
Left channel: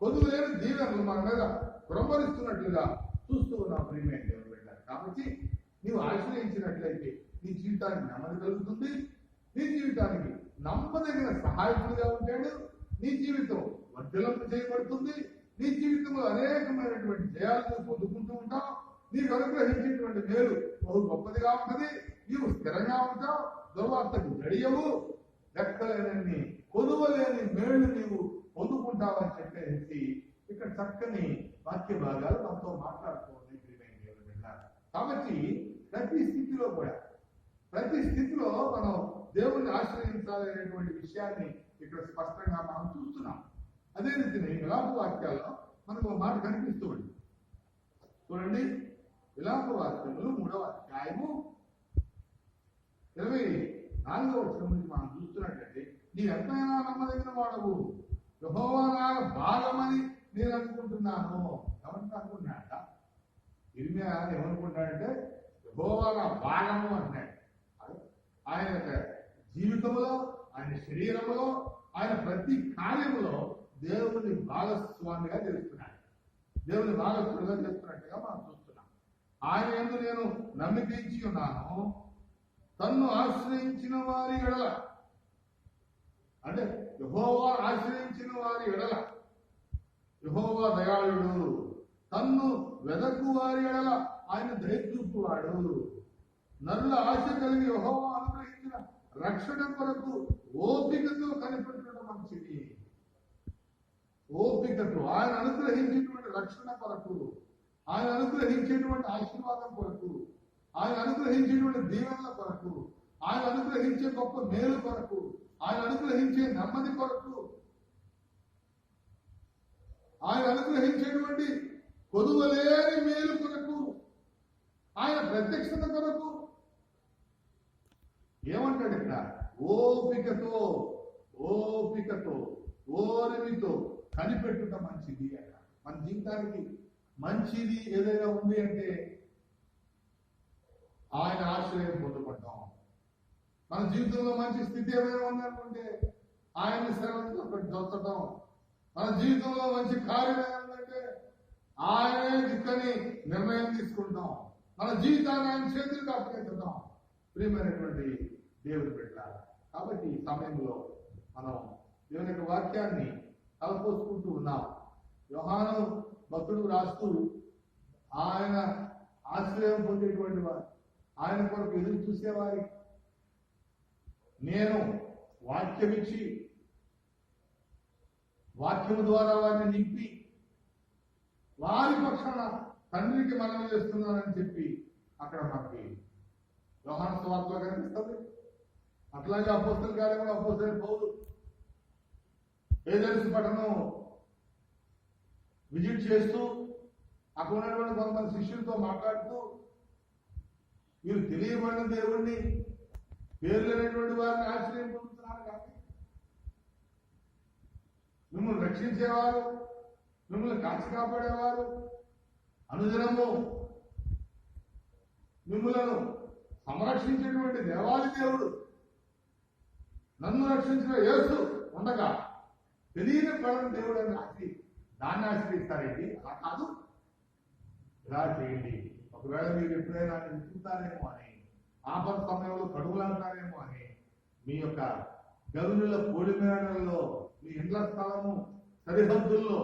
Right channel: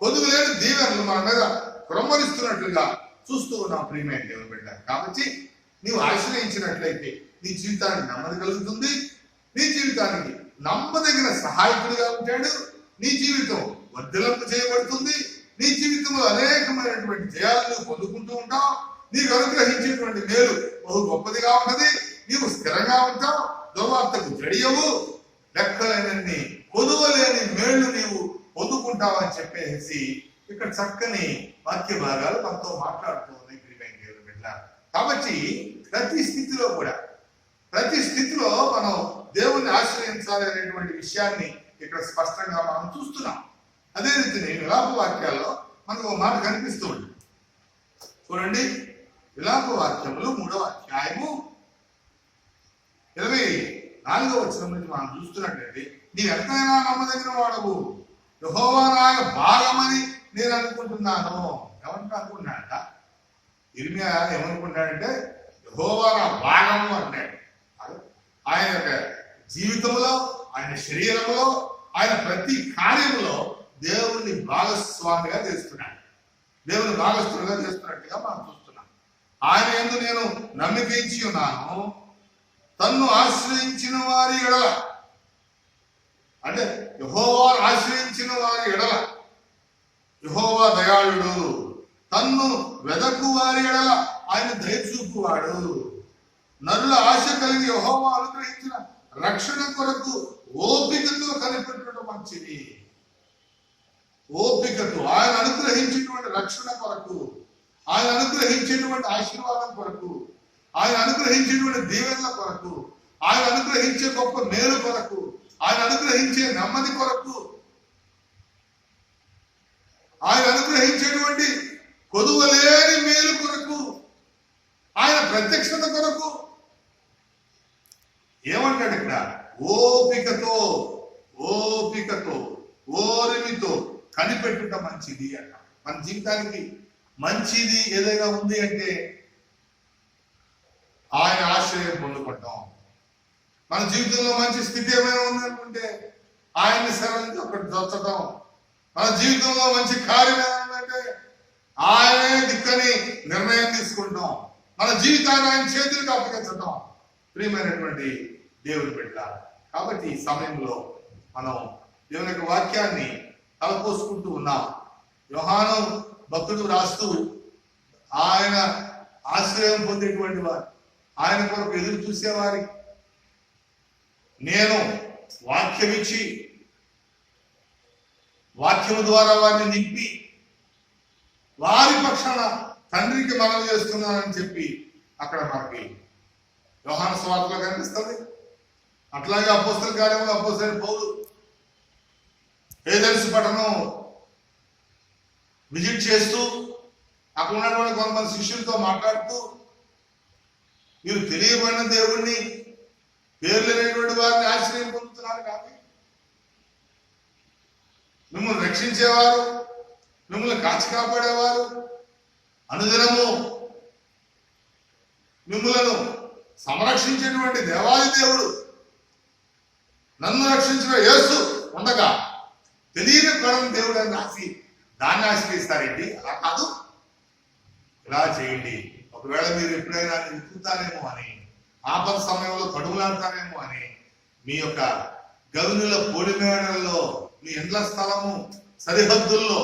కొదువు లేని దీవెనలు మన మీద క్రమరిస్తున్నట్లుగా చూస్తూ ఉన్నాం. ప్రియమైన దేవుని బిడ్డ, కాబట్టి నీవు ఆశ్రయించినట్లయితే నీ జీవితానికి నెమ్మది కలుగుతుంది, నీ జీవితానికి నమ్మదగిన సహాయకుడిగా ఉంటాడు, నీ జీవితం వర్ధలింప చేయబడుతుంది, నీ జీవితంలో అనేకమైనటువంటి జయాలను పొందుకుంటూ ఉంటావు, నీకు అనుగ్రహించేటువంటి మేలు బహు గొప్పదిగా ఉంటది, నీవు స్థిరంగా ఉంటావు, దుర్వార్తకు జడియవు, లెక్కలేనన్ని కొదువలేని మేళ్లు నీవు పొందుకుంటావని చెప్పేసి ఇక్కడ చక్కని వాక్య భాగాలు మనతో మాట్లాడుతూ ఉంది. ప్రియమైన దేవుని బిడ్డ, కాబట్టి ప్రతి స్థితిలో మనం దేవుణ్ణి ఆశ్రయించాలి అనేటువంటి విషయాన్ని ఇక్కడ స్పష్టంగా మనం చూస్తున్నాం. అదే రీతిని విలాప వాక్యాల్లో మనకు ఒక మాట కనిపిస్తూ ఉంది. చూడండి, విలాప వాక్యములు 3వ అధ్యాయము 24వ వచనం నుంచి మనం చూస్తున్నట్లయితే, నీవు ఎంతైనా నమ్మదగిన వాడవు, యెహోవా నా భాగమని నేను అనుకుంటున్నాను. ఎవరికి అనుకుంటున్నాడట? ఇర్మియా ఏమనుకుంటాడంటే యెహోవా నా భాగము అంటాడు. ఆయన యొక్క జీవితంలో, ఆయన శరీరంలో, ఆయన ప్రతి కార్యంలో దేవుని భాగస్వామిగా చేస్తున్నాడు. దేవుని భాగస్వామిగా చేస్తున్నట్టుగా మనం చూస్తున్నాం. ఆయన యందు నేను నమ్మిక ఇచ్చి ఉన్నాను, తన్ను ఆశ్రయించిన వారి ఎడల, అంటే యెహోవా ఆశ్రయించిన వారి ఎడల యెహోవా దయాళుడు, తన్ను వెదకు వారి ఎడల ఆయన దయచూపువాడు. నరుల ఆశ కలిగి యెహోవా అనుగ్రహించిన రక్షణ కొరకు ఓపికతో కనిపెట్టడం మంచిది. ఓపికతో ఆయన అనుగ్రహించినటువంటి రక్షణ కొరకు, ఆయన అనుగ్రహించేటువంటి ఆశీర్వాదం కొరకు, ఆయన అనుగ్రహించేటువంటి దీవెనల కొరకు, ఆయన అనుగ్రహించే గొప్ప మేలు కొరకు, ఆయన అనుగ్రహించే నెమ్మది కొరకు, ఆయన అనుగ్రహించేటువంటి కొదువలేని మేలు కొరకు, ఆయన ప్రత్యక్షత కొరకు ఏమంటాడు ఇక్కడ? ఓపికతో, ఓపికతో, ఓరిమితో కనిపెట్టుట మంచిది అన్న. మన జీవితానికి మంచిది ఏదైనా ఉంది అంటే ఆయన ఆశ్రయం పొందుకుంటాం. మన జీవితంలో మంచి స్థితి ఏమైనా ఉంది అనుకుంటే ఆయన్ని శరణి ఒకటి దొచ్చటం. మన జీవితంలో మంచి కార్యం ఏమంటే ఆయనే దిక్కని నిర్ణయం తీసుకుంటాం. మన జీవితాన్ని ఆయన చేతులకు అప్పగించటం. ప్రియమైనటువంటి దేవుని బిడ్డ, కాబట్టి ఈ సమయంలో మనం దేవుని యొక్క వాక్యాన్ని తలపోసుకుంటూ ఉన్నాం. యోహాను భక్తుడు రాస్తూ ఆయన ఆశ్రయం పొందేటువంటి వారు, ఆయన కొరకు ఎదురు చూసేవారి, నేను వాక్యం ఇచ్చి వాక్యము ద్వారా వారిని నింపి వారి పక్షాన తండ్రికి మనవి చేస్తున్నానని చెప్పి అక్కడ మనకి యోహాను సువార్తలో కనిపిస్తుంది. అట్లాగే అపోస్తల కార్యంలో అపోస్తలుడైన పౌలు ఏథెన్సు పట్టణం విజిట్ చేస్తూ అక్కడ ఉన్నటువంటి కొంతమంది శిష్యులతో మాట్లాడుతూ, మీరు తెలియబడిన దేవుణ్ణి, పేరు లేనటువంటి వారిని ఆశ్రయం పొందుతున్నారు కానీ మిమ్మల్ని రక్షించేవారు, మిమ్మల్ని కాచి కాపాడేవారు, అనుదినము మిమ్మలను సంరక్షించేటువంటి దేవాది దేవుడు, నన్ను రక్షించిన యేసు ఉండగా తెలియని పరం దేవుడు అని రాసి దాన్ని ఆశ్రయిస్తారేంటి? అలా కాదు, ఇలా చేయండి. ఒకవేళ మీరు ఎప్పుడైనా వెతుకుతారేమో అని, ఆపద సమయంలో కడుగులాడతారేమో అని, మీ యొక్క గరునుల పొడిమేడల్లో, మీ ఇండ్ల స్థలము సరిహద్దుల్లో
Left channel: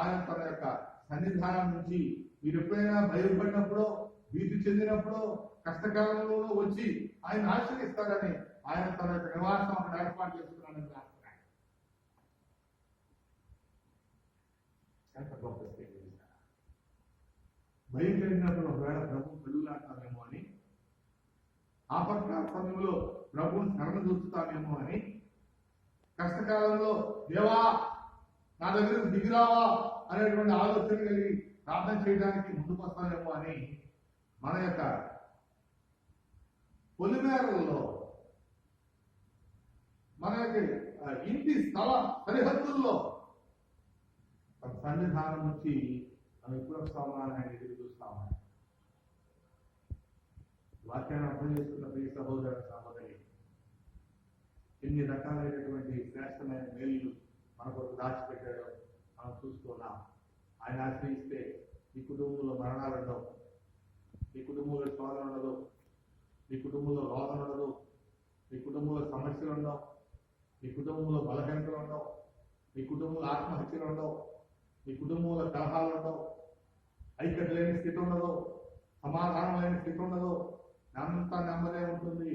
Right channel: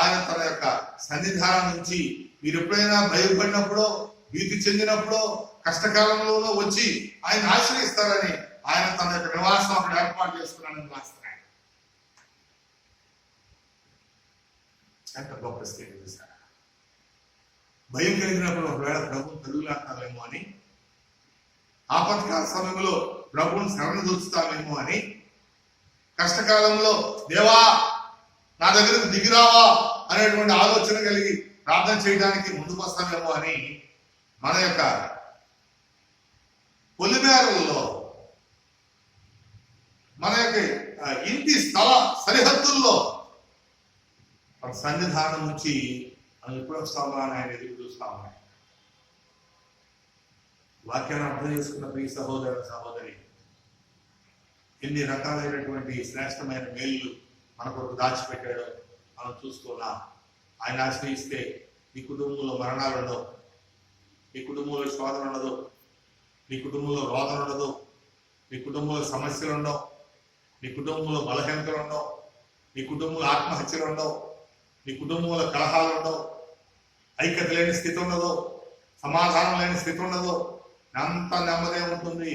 ఆయన తన యొక్క సన్నిధానం నుంచి మీరు ఎప్పుడైనా భయపడినప్పుడో, భీతి చెందినప్పుడో, కష్టకాలంలో వచ్చి ఆయన ఆశ్రయిస్తారని ఆయన తన యొక్క నివాసం అక్కడ ఏర్పాటు చేసుకున్నాడని రాస్తున్నాడు. ఎంత గొప్ప స్థితి చూసారా? భయం కలిగినప్పుడు ఒకవేళ ప్రభు తరుగులాడతామేమో అని, ఆపత్కాల సమయంలో ప్రభువుని శరణు దూచుతామేమో అని, కష్టకాలంలో దేవా నా దగ్గరకు దిగిరావా అనేటువంటి ఆలోచన కలిగి ప్రార్థన చేయడానికి ముందుకు వస్తామేమో అని మన యొక్క పొలిమేరల్లో, మన యొక్క ఇంటి స్థల సరిహద్దుల్లో మన సన్నిధానం నుంచి మనం ఎప్పుడు వస్తామా అని ఆయన ఎదురు చూస్తాము. వాక్యాన్ని అర్థం చేసుకున్న ప్రియ సహోదర సహోదరి, ఎన్ని రకాలైనటువంటి శ్రేష్టమైన మేలు మన కొరకు దాచిపెట్టాడో మనం చూస్తున్నాం. ఆయన ఆశ్రయిస్తే నీ కుటుంబంలో మరణాలు ఉండవు, నీ కుటుంబంలో శోధన ఉండదు, నీ కుటుంబంలో రోదన ఉండదు, నీ కుటుంబంలో సమస్యలు ఉండవు, నీ కుటుంబంలో బలహీనతలు ఉండవు, నీ కుటుంబంలో ఆత్మహత్యలు ఉండవు, నీ కుటుంబంలో కలహాలు ఉండవు, ఐక్యత లేని స్థితి ఉండదు, సమాధానం లేని స్థితి ఉండదు. అంత నెమ్మది ఉంటుంది,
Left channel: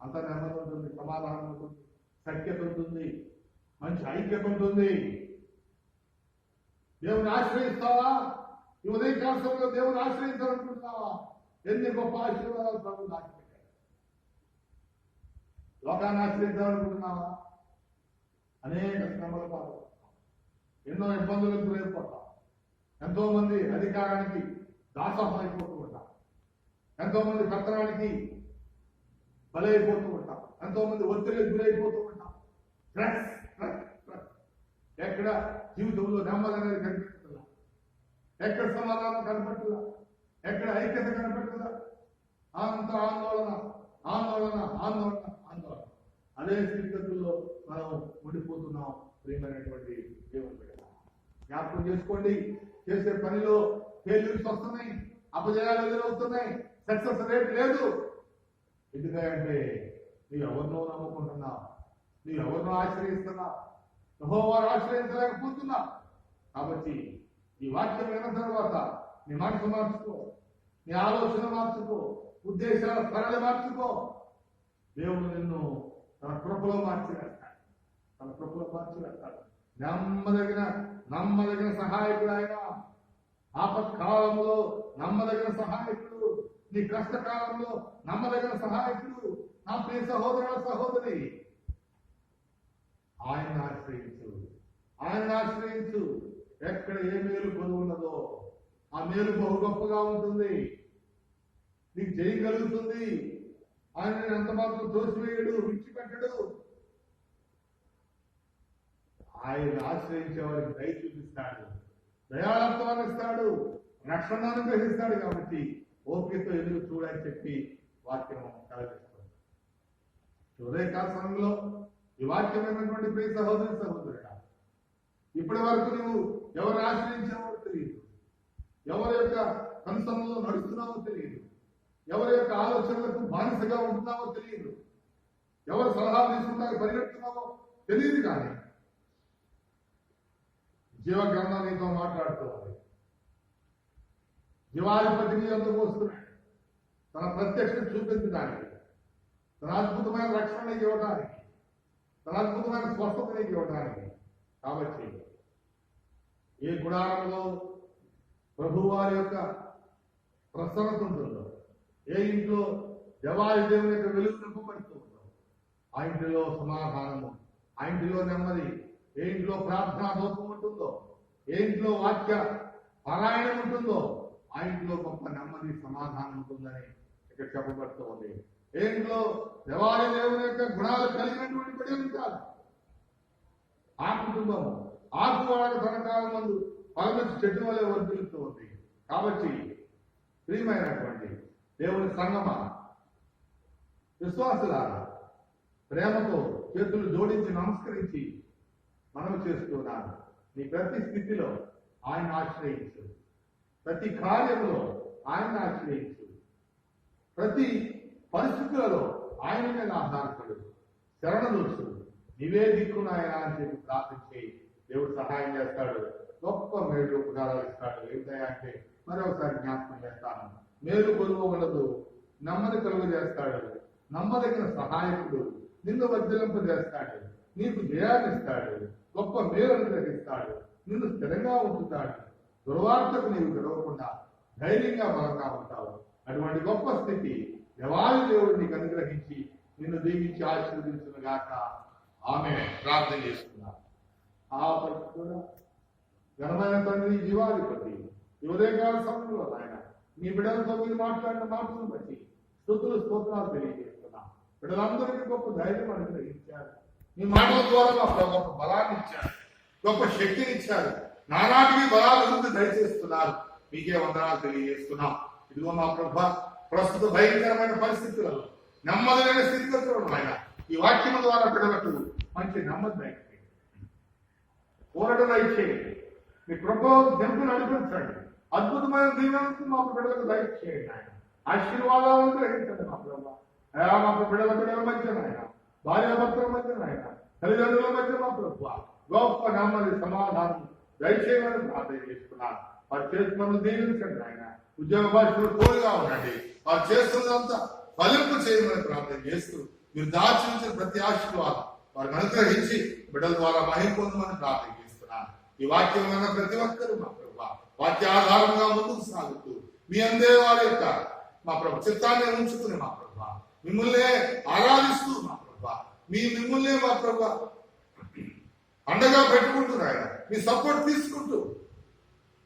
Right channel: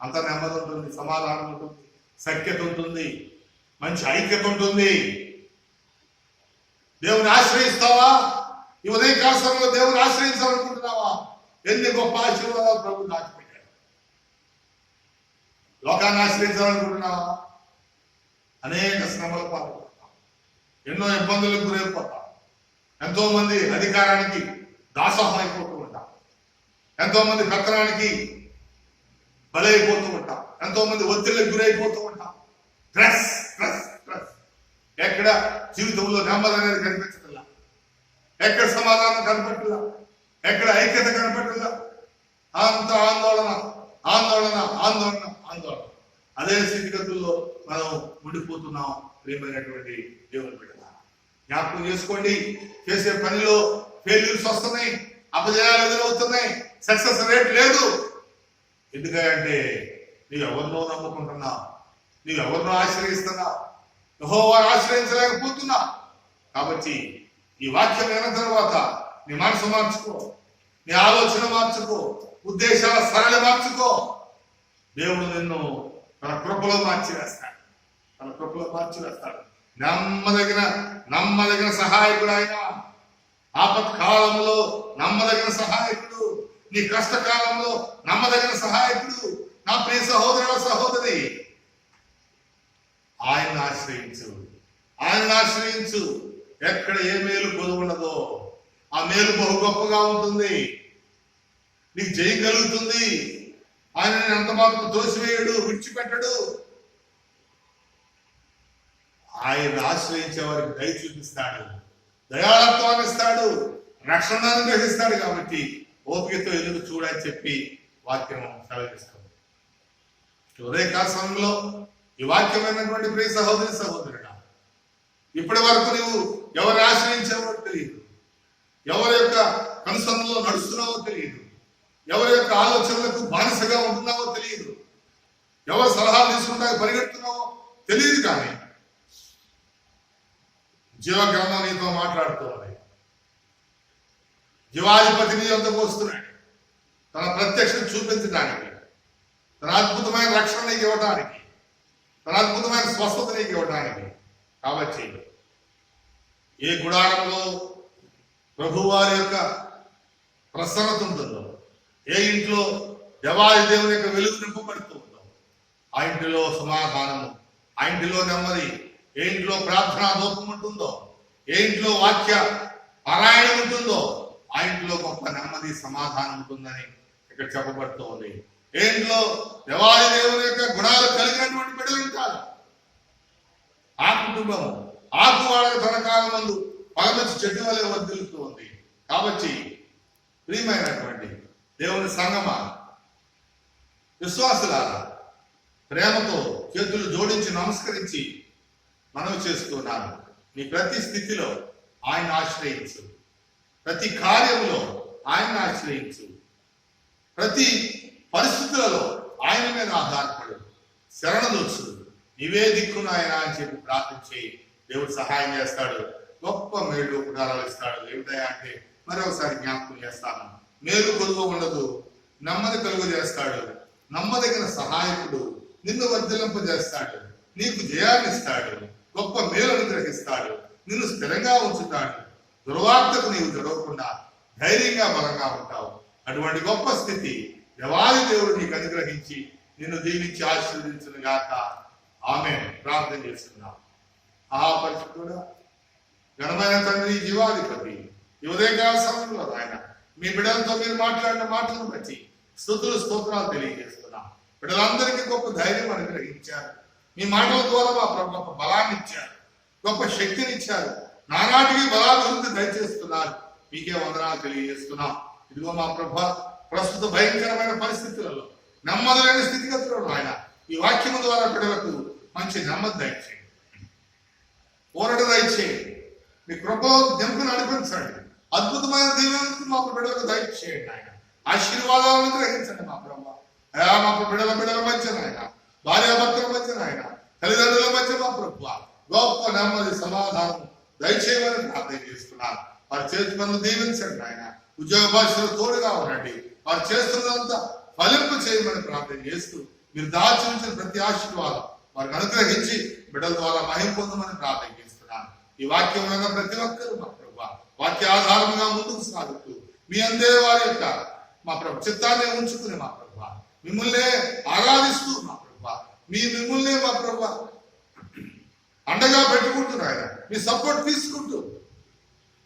అంత నెమ్మది ఉంటుంది, సమాధానం ఉంటుంది, సఖ్యత ఉంటుంది, మంచి ఐక్యత ఉంటుంది. దేవుని ఆశ్రయిస్తావా? ఈ ఉదయకాల సమయంలో దేవుని ఆశ్రయించాలనుకుంటున్నావా? ఎన్ని గొప్ప ఆశీర్వాదాలు ప్రభు దాచిపెట్టాడు. లోకాన్ని ఆశ్రయించాలనుకుంటున్నావా? అనేక శ్రమల పాల్పడతాం, ఎన్నో ఇబ్బందులకు గురైపోతాం, ఎంతో మంది అధికారానికి దాసోహం అయిపోతూ ఉంటాం, ఎంతో మంది పెత్తనానికి బలైపోతూ ఉంటాం, ఎంతో మంది ఒత్తిళ్ళకి గురైపోతూ ఉంటాం. Stress stress stress. ఎక్కడ జీవితంలో నెమ్మది అనేది కనిపించట్లా, ఎక్కడ సమాధానం కనపట్లా, ఎక్కడ ఐక్యత కనపట్లా. అంత ఆందోళన ఆందోళన ఆందోళన ఆందోళన. అదే స్థితిగతుల్లో మనం ఉండిపోతున్నాం. ప్రియమైనటువంటి దేవుని బిడ్డ, జ్ఞాపకం చేసుకోండి, చేసే పనిలో ఫెయిల్యూర్స్ వస్తున్నాయి, అపజయాలు ఎదురవుతున్నాయి, సక్సెస్ రేట్ లేదు. ఎందుకంటే నీవు ఎవరినో నమ్ముకుంటున్నావు, నీవు ఎవరినో ఆశ్రయిస్తున్నావు, యెహోవాను ఆశ్రయించలేకపోతున్నావు. కాబట్టి ఈ వాక్యం విన్న తర్వాత నీ మనసు మార్చుకో, నీ ఆలోచన మార్చుకో, ఉద్దేశాల సరళి మార్చుకో. దేవుడు నిన్ను తన కృపలో మార్చివేస్తాడు, తన కృపలో మార్చివేస్తాడు. నమ్మదగిన సహాయకుడు ఆయన. ఆపత్కాలంలో నమ్మదగిన సహాయకుడు, నీ కష్టకాలంలో నమ్మదగిన సహాయకుడు. నా ప్రియ సహోదరుల సహోదరి, ఆయన్ని ఆశ్రయించు, ఆయన్ని ఆశ్రయించు. ఎక్కడ ఏ మేలు పొందున్నదో ఆ మేలు బహు గొప్పగా ఉంటుంది, నీకు జయం కలుగుతుంది. ఆయన ఎంత మాత్రం తోసివేయడు, విడిచిపెట్టడు. ఆయన ఆశ్రయించే వారికి దయ చూపిస్తాడు, దయాళత్వాన్ని ఇస్తాడు, రక్షణ అనుగ్రహిస్తాడు. కాబట్టి ఓపికతో ఎదురు చూడని చెప్పి వాక్యం సెలవిస్తాడు. ఉదయకాల సమయంలో ఈ వాక్యమైనటువంటి ప్రియ సహోదరి సహోదరుడా, ఇప్పటి వరకు నువ్వు ఎవరు ఆశ్రయించావో తెలియదు, ఎవరి యొక్క కనుసన్నలో నడుస్తున్నావో తెలియదు, ఎవరి యొక్క ఆలోచనలకు బానిసగా ఉంటున్నావో తెలియదు, ఎవరు సలహాలు తీసుకుంటానికి పరిగెడుతున్నావో తెలియదు. కానీ జీవగ్రంథం నీతో మాట్లాడుతుంది. జీవాధిపతి నీ వద్దకు వస్తున్నాడు, తన ప్రత్యక్షత చూపించడానికి, తన అద్భుతమైన రక్షణ నీకు ఇవ్వడానికి, తన అద్భుతమైన స్వస్థత నీకు ఇవ్వడానికి. కాబట్టి ఏ గుడారంలో ప్రభువారి యొక్క ప్రసన్నత ఉంటుందో, ఏ ఇంట్లో దేవాది దేవుని యొక్క వెలుగు నింపబడుతూ ఉందో, ఆ ఇంటిలో సమాధానము, ఆ ఇంటిలో నెమ్మది, ఏ ఇంట్లో ప్రార్థనా దూపం ఉంటుందో, ఏ ఇంట్లో వాక్య పారాయణం ఉంటుందో, ఆ ఇంట్లో గొప్ప నెమ్మది సమాధానం ఉంటుందని ఇక్కడ చెప్పబడుతూ ఉంది. ఏ ఇంట్లో దేవాది దేవుని యొక్క గుణాలు కలిగినటువంటి బిడ్డలు ఉంటారు, ఆ కుటుంబం ఆకువాడక తన కాలం ముందు పగమంచి చెట్టు వలె వర్ధిల్లుతూ ఉంది. కాబట్టి ప్రియమైనటువంటి దేవుని సంగమా, విశ్వాసులారా, ప్రేమతో చేతులు జోడించి నమస్కరించి మనవి చేస్తున్నాను. నీ ప్రతి స్థితిలో ఆయన ఆశ్రయించు, ప్రతి కార్యంలో ఆయన ఆశ్రయించు, ప్రతి పరిస్థితులలో ఆయన మీద ఆధారపడు, శరణదొచ్చు, నీవే దిక్కునాయన అని చెప్పి ప్రార్థించి దేవుడు సహాయం చేస్తాడు. గొప్ప మేలు ఉపకారాలు ఇస్తాడు. ఏమిటయా అంటే మరొకసారి జ్ఞాపకం చేస్తాను, మేలు కొలువ ఉండదు, నెమ్మది కలుగు చేస్తాడు, నమ్మదగిన సహాయకుడు, నిన్ను వర్ధిలింపజేస్తాడు, నీకు జయాన్ని ఇస్తాడు, గొప్ప మేలు అనుగ్రహిస్తాడు, నిన్ను స్థిరంగా ఉంచుతాడు, దుర్వార్తకు నీవు జరగకుండా ధైర్యంగా బలంగా ఉంటావు. అటువంటి గొప్ప స్థితి దేవాది దేవుడు నీకు అనుగ్రహించి నిన్ను దీవించి ఆశీర్వదించును గాక. ఆమె ప్రార్థన చేస్తున్నాం. ఆ పరిస్థితుడా ఘనమైన తండ్రి, జీవాధిపతి, ఈ ఉదయకాల సమయంలో ఆయన మీ బిడ్డలతో మీరు మాట్లాడిన మాటలను బట్టి స్తుతులు స్తోత్రాలు తెలియజేస్తున్నాం. బిడ్డలందరికీ గొప్ప ధైర్యం అనుగ్రహించారు, మీ మాటల ద్వారా మా ప్రభు గొప్ప బలాన్ని ఇచ్చారు, గొప్ప శక్తిని ఇచ్చారు, నానాటికి బలాభివృద్ధి దయచేస్తున్నారు. మీకే వందనాలు తెలియజేస్తున్నాం. ఇదిగో మా ప్రభు, ప్రస్తుత భయంకరమైన పరిస్థితులలో, నెమ్మదైన స్థితిగతులను ఆయన ఈ వాక్యము ద్వారా బిడ్డలకు మంచి నెమ్మది దయచేయండి, ఊరట దయచేయండి, మీ కృపలో దింపును నడిపించండి, అద్భుతమైన దీవెనలు మా బిడ్డలకు దయచేయండి. ఆయన ఆశీర్వాదాలను గ్రహించండి మా ప్రభు. అయా మా బిడ్డల మధ్య ఆయన, భార్యాభర్తల మధ్య ఆయన, తల్లిదండ్రుల మధ్య మా ప్రభు గొప్ప నెమ్మది సమాధానం దయచేయమని ప్రార్థన చేస్తున్నారు. వారి చేతి పనులు దీవించండి ఆయన, ఉద్యోగ భాషలు తోడుగా ఉండండి, వారు చేస్తున్నదంతా ఫలింపు చేయమని ప్రార్థన చేస్తూ మీరు దాచి ఉంచిన ప్రతి ఆశీర్వాదం వారికి అనుగ్రహించి బిడ్డల ద్వారా మహిమ పొందమని ప్రార్థన చేస్తున్నాను. ఈ వాక్యం మీద ప్రతి ఒక్కరూ మా ప్రభు వాక్య ఆధారంగా ముందుకు సాగుతూ మీ అందే వారి యొక్క మా ప్రభు చిత్తాన్ని ఉంచుకుని మా ప్రభు మిమ్మల్నే ఆరాధిస్తూ మా ప్రభు మిమ్మల్నే మా ప్రభు అండగా పెట్టుకుంటున్నాయన, మీ సపోర్ట్ తీసుకుంటూ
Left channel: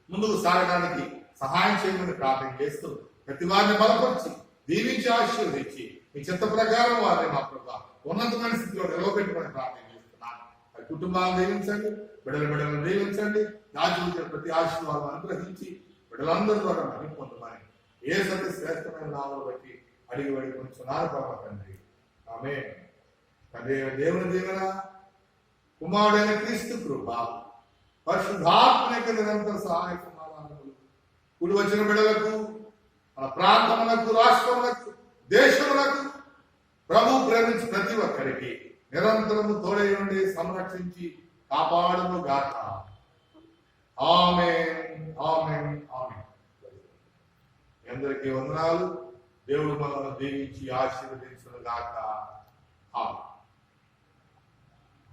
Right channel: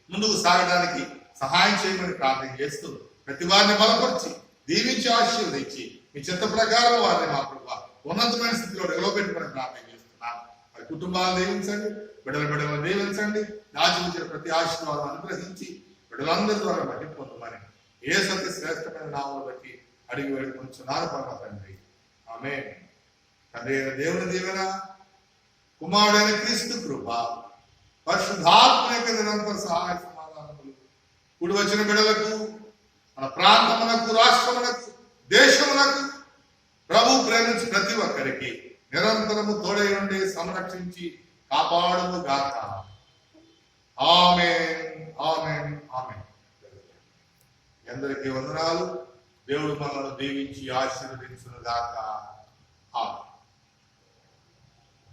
ముందుకు సాగడానికి సహాయం చేయమని ప్రార్థన చేస్తూ ప్రతి వారిని బలపరిచి దీవించి ఆశీర్వదించి మీ చిత్త ప్రకారం వారిని మా ప్రభు ఉన్నతమైన స్థితిలో నిలవబెట్టుమని ప్రార్థన చేస్తున్నాను. వారి కుటుంబాలను దీవించండి, బిడ్డలను దీవించండి, దాచిపుచ్చిన ప్రతి ఆశీర్వాదం అనుగ్రహించి బిడ్డలందరి ద్వారా మహిమ పొందమని యేసు శ్రేష్టమైన నామమును బట్టి అడిగి వేడుకొనుచున్నాను పరమ తండ్రి. ఆమేన్. తండ్రి అయిన దేవుని దీవెన, కుమారుడైన క్రీస్తు కృప, పరిశుద్ధాత్మ యొక్క నిరంతర సహాయ సమాధానములు కూడి వచ్చిన బిడ్డలకు, మన ప్రాంతములకు, రాష్ట్రములకు, దేశములకు ప్రభు ప్రేమించి ప్రతి ఒక్కరికి నిరంతరము తోడై ఉండి సంరక్షించి కాపాడును గాక. ఆమేన్, ఆమేన్, ఆమేన్. అందరికీ వందనాలు. దేవుడు మనల్ని దీవించి ఆశీర్వదించును గాక. ఆమేన్.